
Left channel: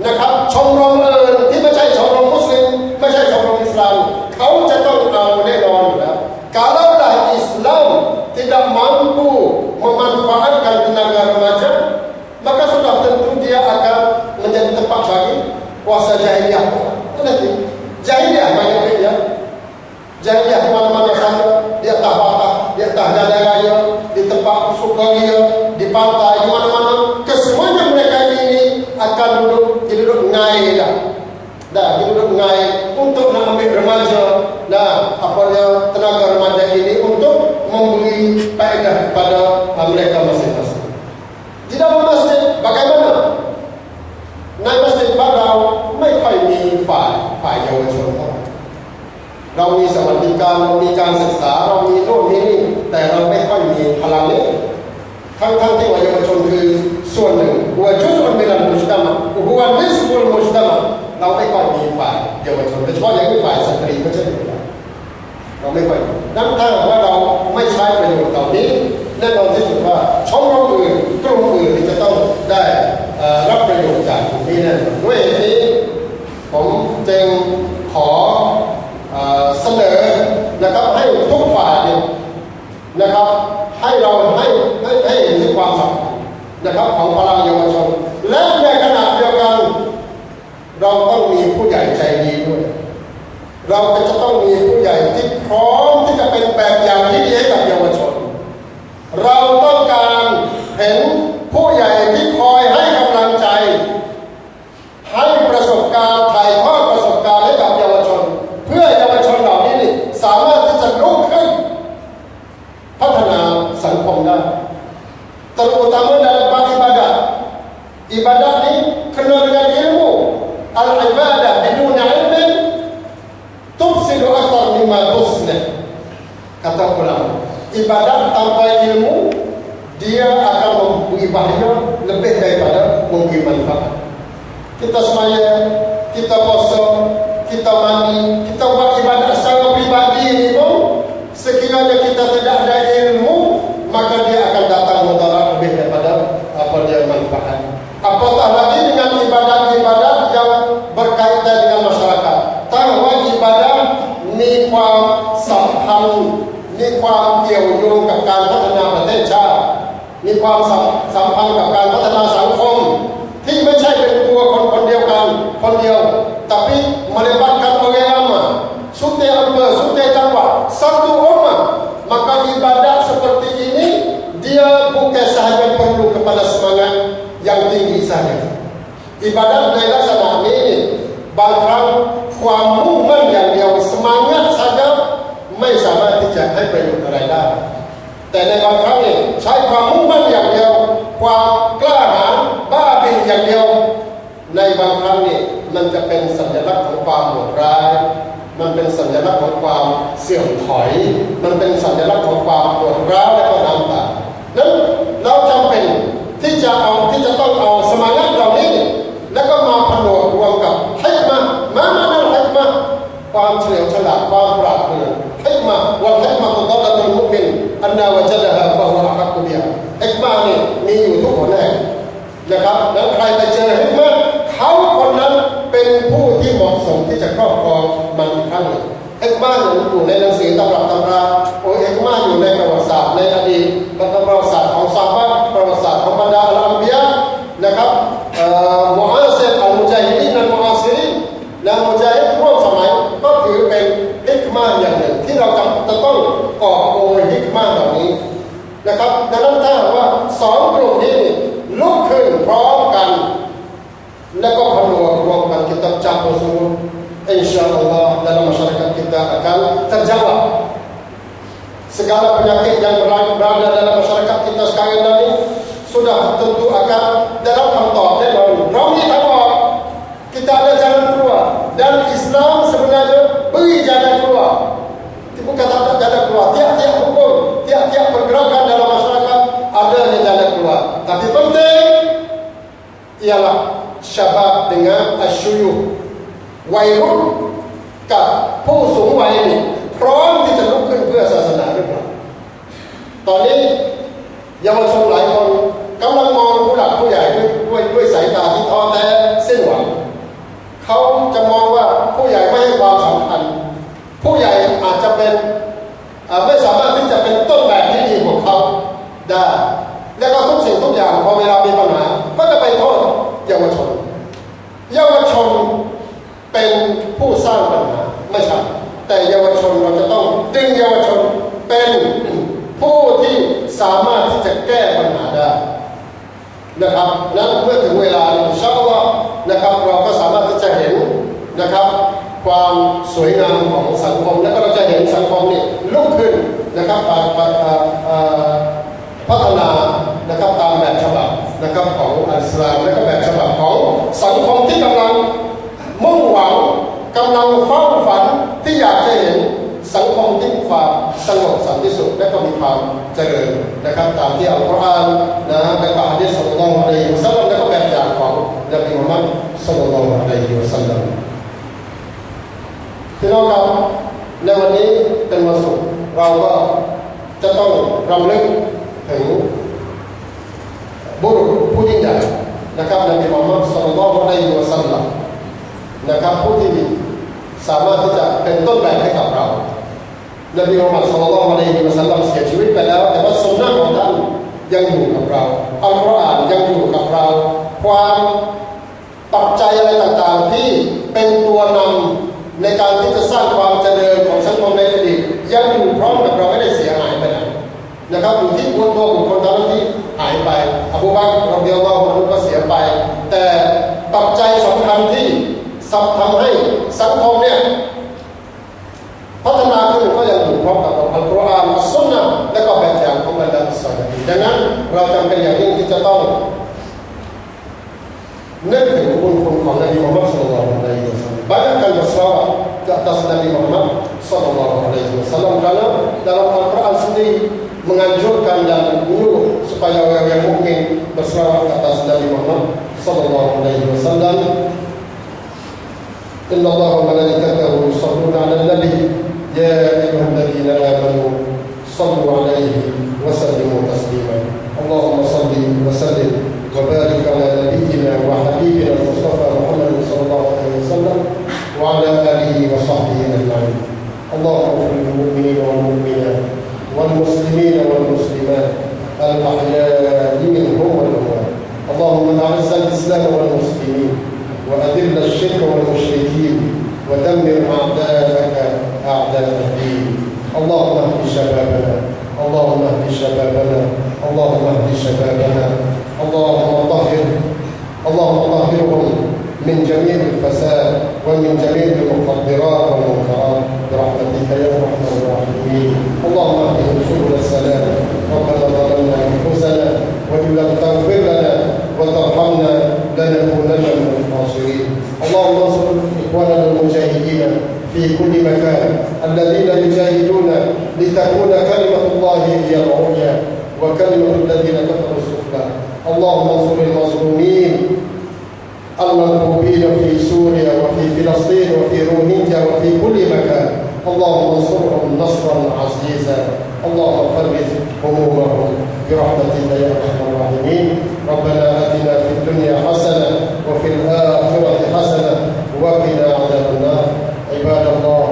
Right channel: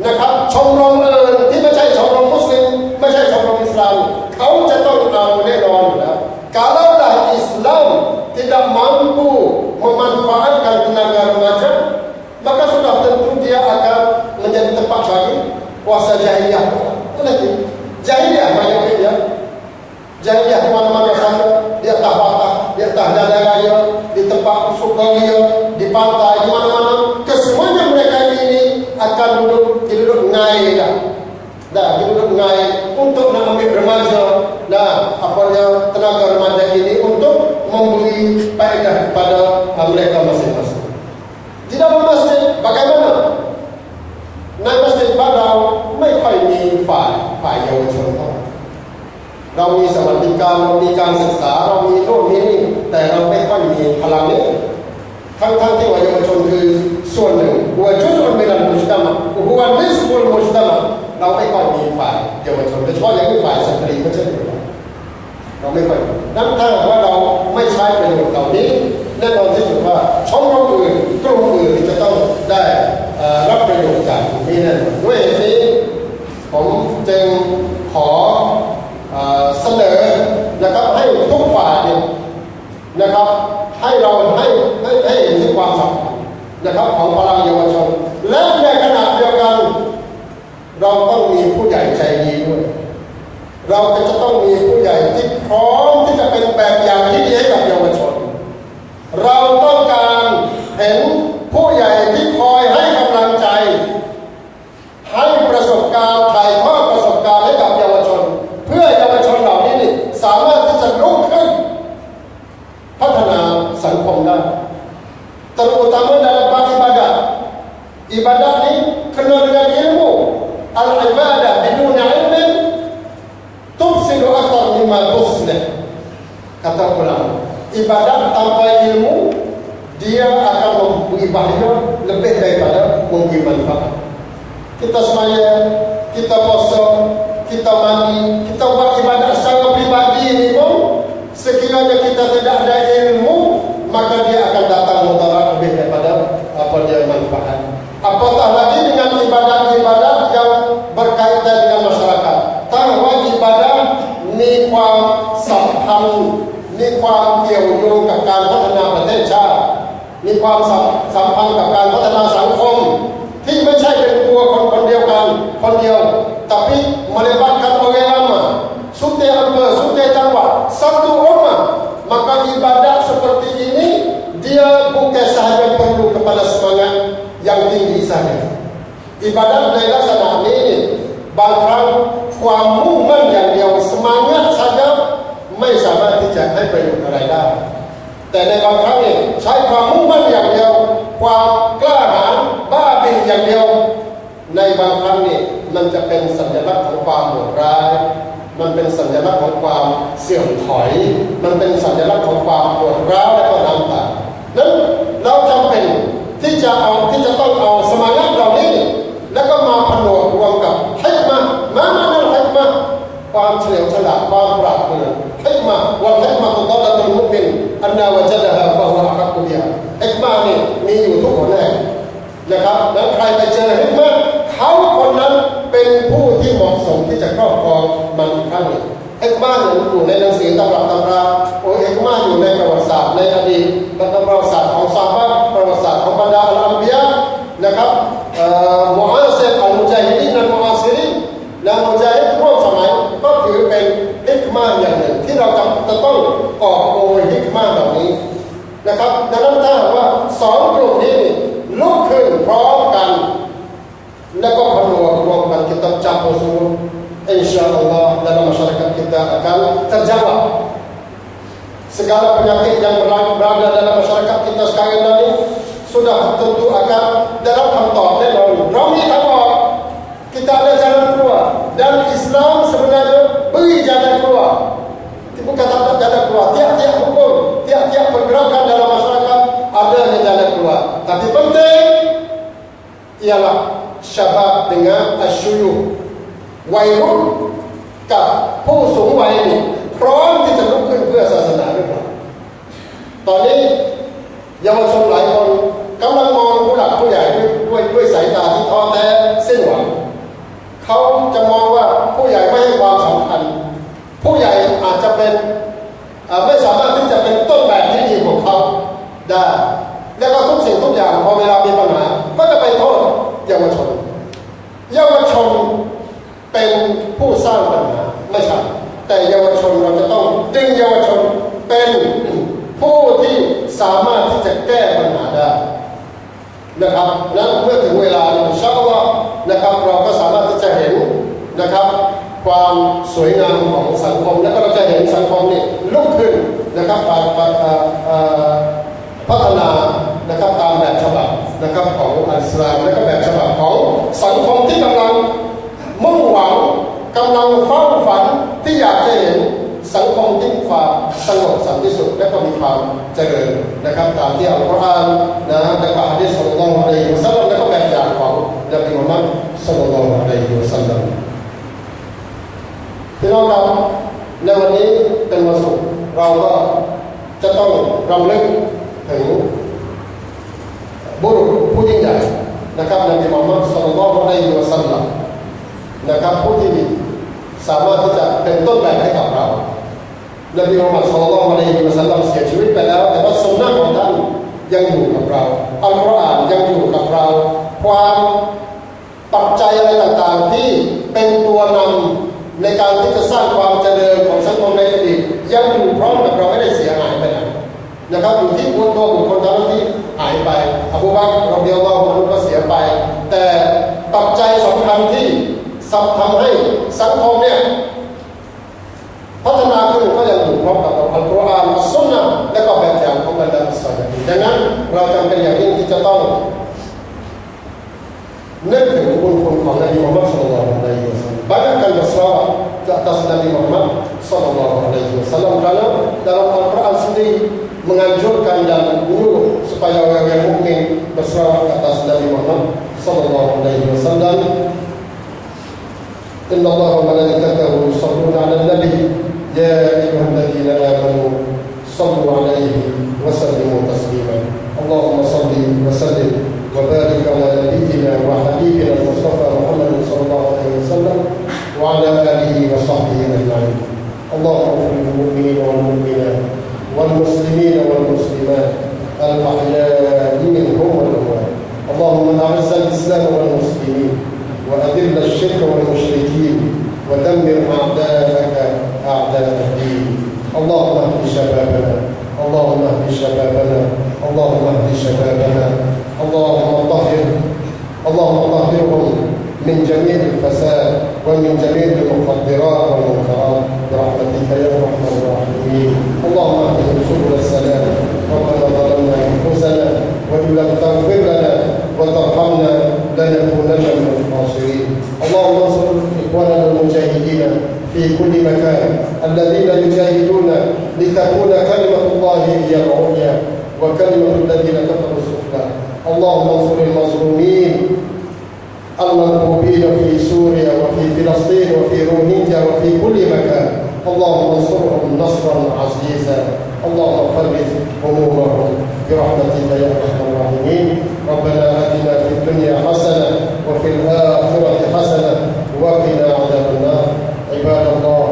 นะครับชมรมอื่นที่ไม่ใช่ชมรมมุสลิมไม่ใช่ชมรมอิสลามเขาจะต้องเอาแน่นอนอยู่แล้ว kalaulah Islam tidak mampu memanfaatkan tenaga remaja maka sudah tentu dia akan menjadi tempat bagi kuasa jahiliyah nanti jahiliyah banyak ya jahiliyah di mana-mana saja di atas patah di atas jalan raya di tempat sukaria di pantai di mana-mana kesemuanya mereka ini akan duduk ngai dah duduk ngai untuk nak ambil remaja apa dia tenaga remaja ini untuk memberi faedah kepada mereka masing-masing di dalam masjid bagaimana ในมัสยิดบ้านเราไม่ค่อยมีฝ่ายเยาวชนเรามีสวัสดิการเรามีการศึกษาเรามีโน่นมีนี่แต่เราไม่ค่อยมีพลังนี้ทั้งที่ว่าเยาวชนคือส่วนหนึ่งหัวจุดมันเป็นอันมุสลิมหัวนิสบุลมุสลิมเราไม่ค่อยมีฝ่ายเยาวชนโดยเฉพาะอย่างที่ฝ่ายสตรีก็เช่นเดียวกันเราไม่ค่อยนั่นถ้าว่าเราไม่ใช้ประโยชน์เหล่านี้แน่นอนที่สุดว่าช่องอื่นกลุ่มอื่นจะต้องได้รับประโยชน์จากนี้แน่นอนด้วยเหตุนี้ผมจึงขอเสนอนะครับให้ทุกฝ่ายนะครับให้เราให้เห็นถึงความสำคัญนะครับของพลังเยาวชนและในขณะเดียวกันเราต้องมีผู้ใหญ่ใจดีด้วยเราจะต้องมีผู้ใหญ่ที่พร้อมที่จะเป็นแบบอย่างที่ดีให้กับเยาวชนเราต้องการเห็นผู้ใหญ่ที่คอยให้กำลังใจให้ประสบการณ์ถ่ายทอดประสบการณ์ให้กับเยาวชนเพื่อเยาวชนเหล่านี้สามารถที่จะลุกขึ้นพัฒนาสังคมได้terutama dalam bab ibadah ini kena dengan ilmu al-ibadah bidun ilmin tufsidu akthar mimma tuslih kata ulama ibadah tanpa ilmu dia akan memberi bahaya lebih daripada memberi manfaat kita sembahyang kita puasa kita mandi kita buat ibadah secara pribadi ini pun sekiranya kita tidak ada ilmu maka dia akan datang mudarat lebih daripada apa dia manfaat apatah lagi dengan ibadat-ibadat yang berkaitan dengan masyarakat ถ้าว่าอิบาดะห์มีความสัมพันธ์มีความเกี่ยวโยงกับการพัฒนาประเทศชาติมีความสัมพันธ์กับการพัฒนาสังคมที่ไม่ใช่เป็นตัวคน yang tinggi saja. Ibadatในลักษณะนี้บางครั้งความมุ่งมั่นอย่างเดียวsemangat saja ไม่สามารถที่จะให้ประโยชน์อะไรได้แต่ในบางครั้งใช้ความมุ่งมั่นอย่างเดียวความกล้าหาญบ้าบิ่นอย่างเดียวในบางครั้งมันจะเป็นสัญลักษณ์ของความโหดร้ายมันเป็นสัญลักษณ์ของความเสื่อมถอยมันเป็นสัญลักษณ์ของความปวดร้าวและก็น้ำตานั้นเราจำเป็นที่จะต้องเอาสมาธิเหล่านี้แล้วก็มาผนวกรวมกับฮิกมะห์มานะฮิกมะห์ความเฉลียวฉลาดความปราดเปรื่องฮิกมะห์วัลฮิกมะตุฎอลตุลมุอ์มินอันนาวะจดะฮาฟะฮุวะอะฮักกุบิฮาฮิกมะห์มีอยู่ทุกคนแน่นะครับแล้วใครไปเจอฮิกมะห์เขาคนนั้นเป็นผู้ที่เหมาะสมที่จะครอบครองมันอีกครั้งหนึ่งฮิกมะห์อยู่ในหนังสือตำรับตำราฮิกมะห์อยู่ในประวัติศาสตร์ในอดีตประวัติศาสตร์ของซอฮาบะห์ประวัติศาสตร์ของบรรดาอัลอัมบิยะนะครับมุอาซิรอัลมุญาฮิดีนอัลมุอาซิรินและมุญาฮิดร่วมสมัยก็ถือเป็นฮิกมะห์อย่างหนึ่งที่เราจะต้องกอบโกยฮิกมะห์เหล่านี้นะครับดังนั้นถ้าว่าสองกลุ่มนี้ลุกขึ้นพร้อมกันแล้วก็ผนวกรวมกันkita campur semua insyaallah dalam masyarakat kita akan terjawab segala penyakit yang berada dalam masyarakat kita sekarang ini sudah tentu akan dalam kantong dan ramai tawar kita ada jalan keluar dan Islam sebenarnya beri jalan keluar bukan tak ada jalan keluar tiap-tiap hukum tiap-tiap pergerakan dalam masyarakat ada jalan keluar tapi penting ialah syabab dengan asyuyuh วัยรุ่นกับผู้สูงวัยนี่พร้อมที่จะลุกขึ้นเพื่อศาสนาหรือเปล่าตอนนี้เยาวชนหลายคนกำลังมองผู้หลักผู้ใหญ่ด้วยสายตาที่ท้อแท้สิ้นหวังเขาจะมองว่าผู้ใหญ่ไม่ให้ความสำคัญผู้ใหญ่อาจจะเป็นไม่สามารถที่จะเป็นต้นแบบที่ดีของเขาได้แล้วก็ทุกสิ่งทุกอย่างพอเวลามีปัญหาก็จะไปโทษเยาวชนเป็นผู้สร้างปัญหาไม่ใช่แต่เยาวชนเราจะต้องดึงเยาวชนเป็นผู้ที่สามารถที่จะแก้ปัญหาได้นะครับและเมื่อถึงเวลาอินชาอัลลอฮ์นะครับเราก็สามารถที่จะเห็นนะครับความสวยงามของสังคมและก็เราจะเห็นสังคมนี่ลุกขึ้นนะครับพัฒนานะครับตามแบบฉบับนะครับของอิสลามและก็แบบฉบับของสังคมที่กำลังมุ่งหวังกำลังเฝ้าฝันที่อยากจะเห็นสังคมที่มีความสงบสันติสุขและก็มีความเจริญนะครับตามที่อัลกุรอานนะและก็หะดีษศ็อลลัลลอฮุอะลัยฮิวะซัลลัมและก็แบบอย่างของนบีมุฮัมมัดศ็อลลัลลอฮุอะลัยฮิวะซัลลัมพี่น้องครับในวันนี้เป็นวันศุกร์เราก็จะต้องรำลึกถึงบุรุษผู้ยิ่งใหญ่นะครับนบีมุฮัมมัดศ็อลลัลลอฮุอะลัยฮิวะซัลลัมนะครับผู้ที่สามารถที่จะเป็นต้นแบบให้กับเรานบีมุฮัมมัดศ็อลลัลลอฮุอะลัยฮิวะซัลลัมเสียชีวิตไปแล้วแต่ว่าสุนนะของท่านยังอยู่กับเราอัลกุรอานยังอยู่กับเราความปัจจัยอะไรต่างๆที่เป็นตัวนำในการที่จะสร้างความเจริญของสังคมในอดีตยังอยู่พร้อมกับเราไม่ได้เสียหายไปไหนนะครับอยู่ที่ตัวบุคคลเท่านั้นที่หายไปอบูบักร รอฎิยัลลอฮุอันฮุก็เสียไปแต่ปัจจัยสำคัญที่ทำให้สังคมเนี่ยพัฒนาขึ้นก็ยังอยู่พร้อมกับอัลกุรอานอัสซุนนะห์และก็แบบอย่างของบรรดาศาสนาดังนั้นเราจำเป็นอย่างยิ่งที่จะต้องนึกถึงบุญคุณของนบีมุฮัมมัดศ็อลลัลลอฮุอะลัยฮิวะซัลลัมbanyakkan berselawat ke atas Nabi Muhammad sallallahu alaihi wasallam karena dalam Al-Quran sendiri menganjurkan dan menyuruh supaya orang mukmin berselawat ke atas Nabi Muhammad sallallahu alaihi wasallam. Inna Allaha wa malaikatahu yusholluna 'alan nabi ya ayyuhalladzina amanu shallu 'alaihi wa sallimu taslima. Allahumma shalli wa sallim wa barik 'ala nabiyyina wa habibina al-Mustafa Muhammad sallallahu alaihi wasallam wa 'ala alihi wa sahbihi ajma'in. Allahumma ighfir lil mu'minina wal mu'minat wal muslimina wal muslimat al-ahya'i minhum wal amwat. Allahumma a'izz al-islam wal muslimin وأذل الشرك والمشركين ودمر أعداءك أعداء الدين. اللهم اهد شبابنا اللهم اهد شبابنا اللهم اهد شبابنا اللهم طهر من جميع الفساد ومن جميع المخدرات والمنكرات برحمتك يا ارحم الراحمين. اللهم اهدهم سبل السلام. ربنا ظلمنا انفسنا وان لم تغفر لنا وترحمنا لنكونن من الخاسرين. اللهم انصر اخواننا المجاهدين في كل مكان الذين يجاهدون لتكون كلمه الله هي العليا وكلمه الذين كفروا السفلى. اللهم انصر المظلومين المنكوبين في سوريا وفي فلسطين وفي روهينجا وفي كل مكان. اللهم انصرهم نصرا عزيزا. اللهم فرج همومهم برحمتك يا ارحم الراحمين. ربنا اتنا في الدنيا حسنه وفي الاخره حسنه وقنا عذاب النار. عباد الله،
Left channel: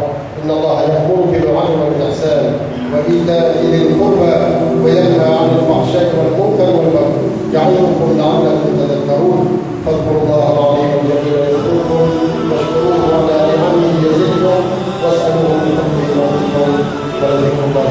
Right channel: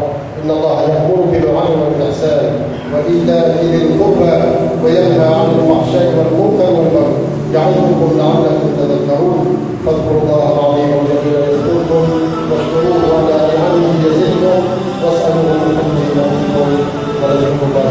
ان الله يامر بالعدل والاحسان وايتاء ذي القربى وينهى عن الفحشاء والمنكر والبغي يعظكم لعلكم تذكرون. فاذكروا الله العظيم الجليل يذكركم واشكروه على نعمه يزدكم واسالوه من فضله يعطيكم ولذكر الله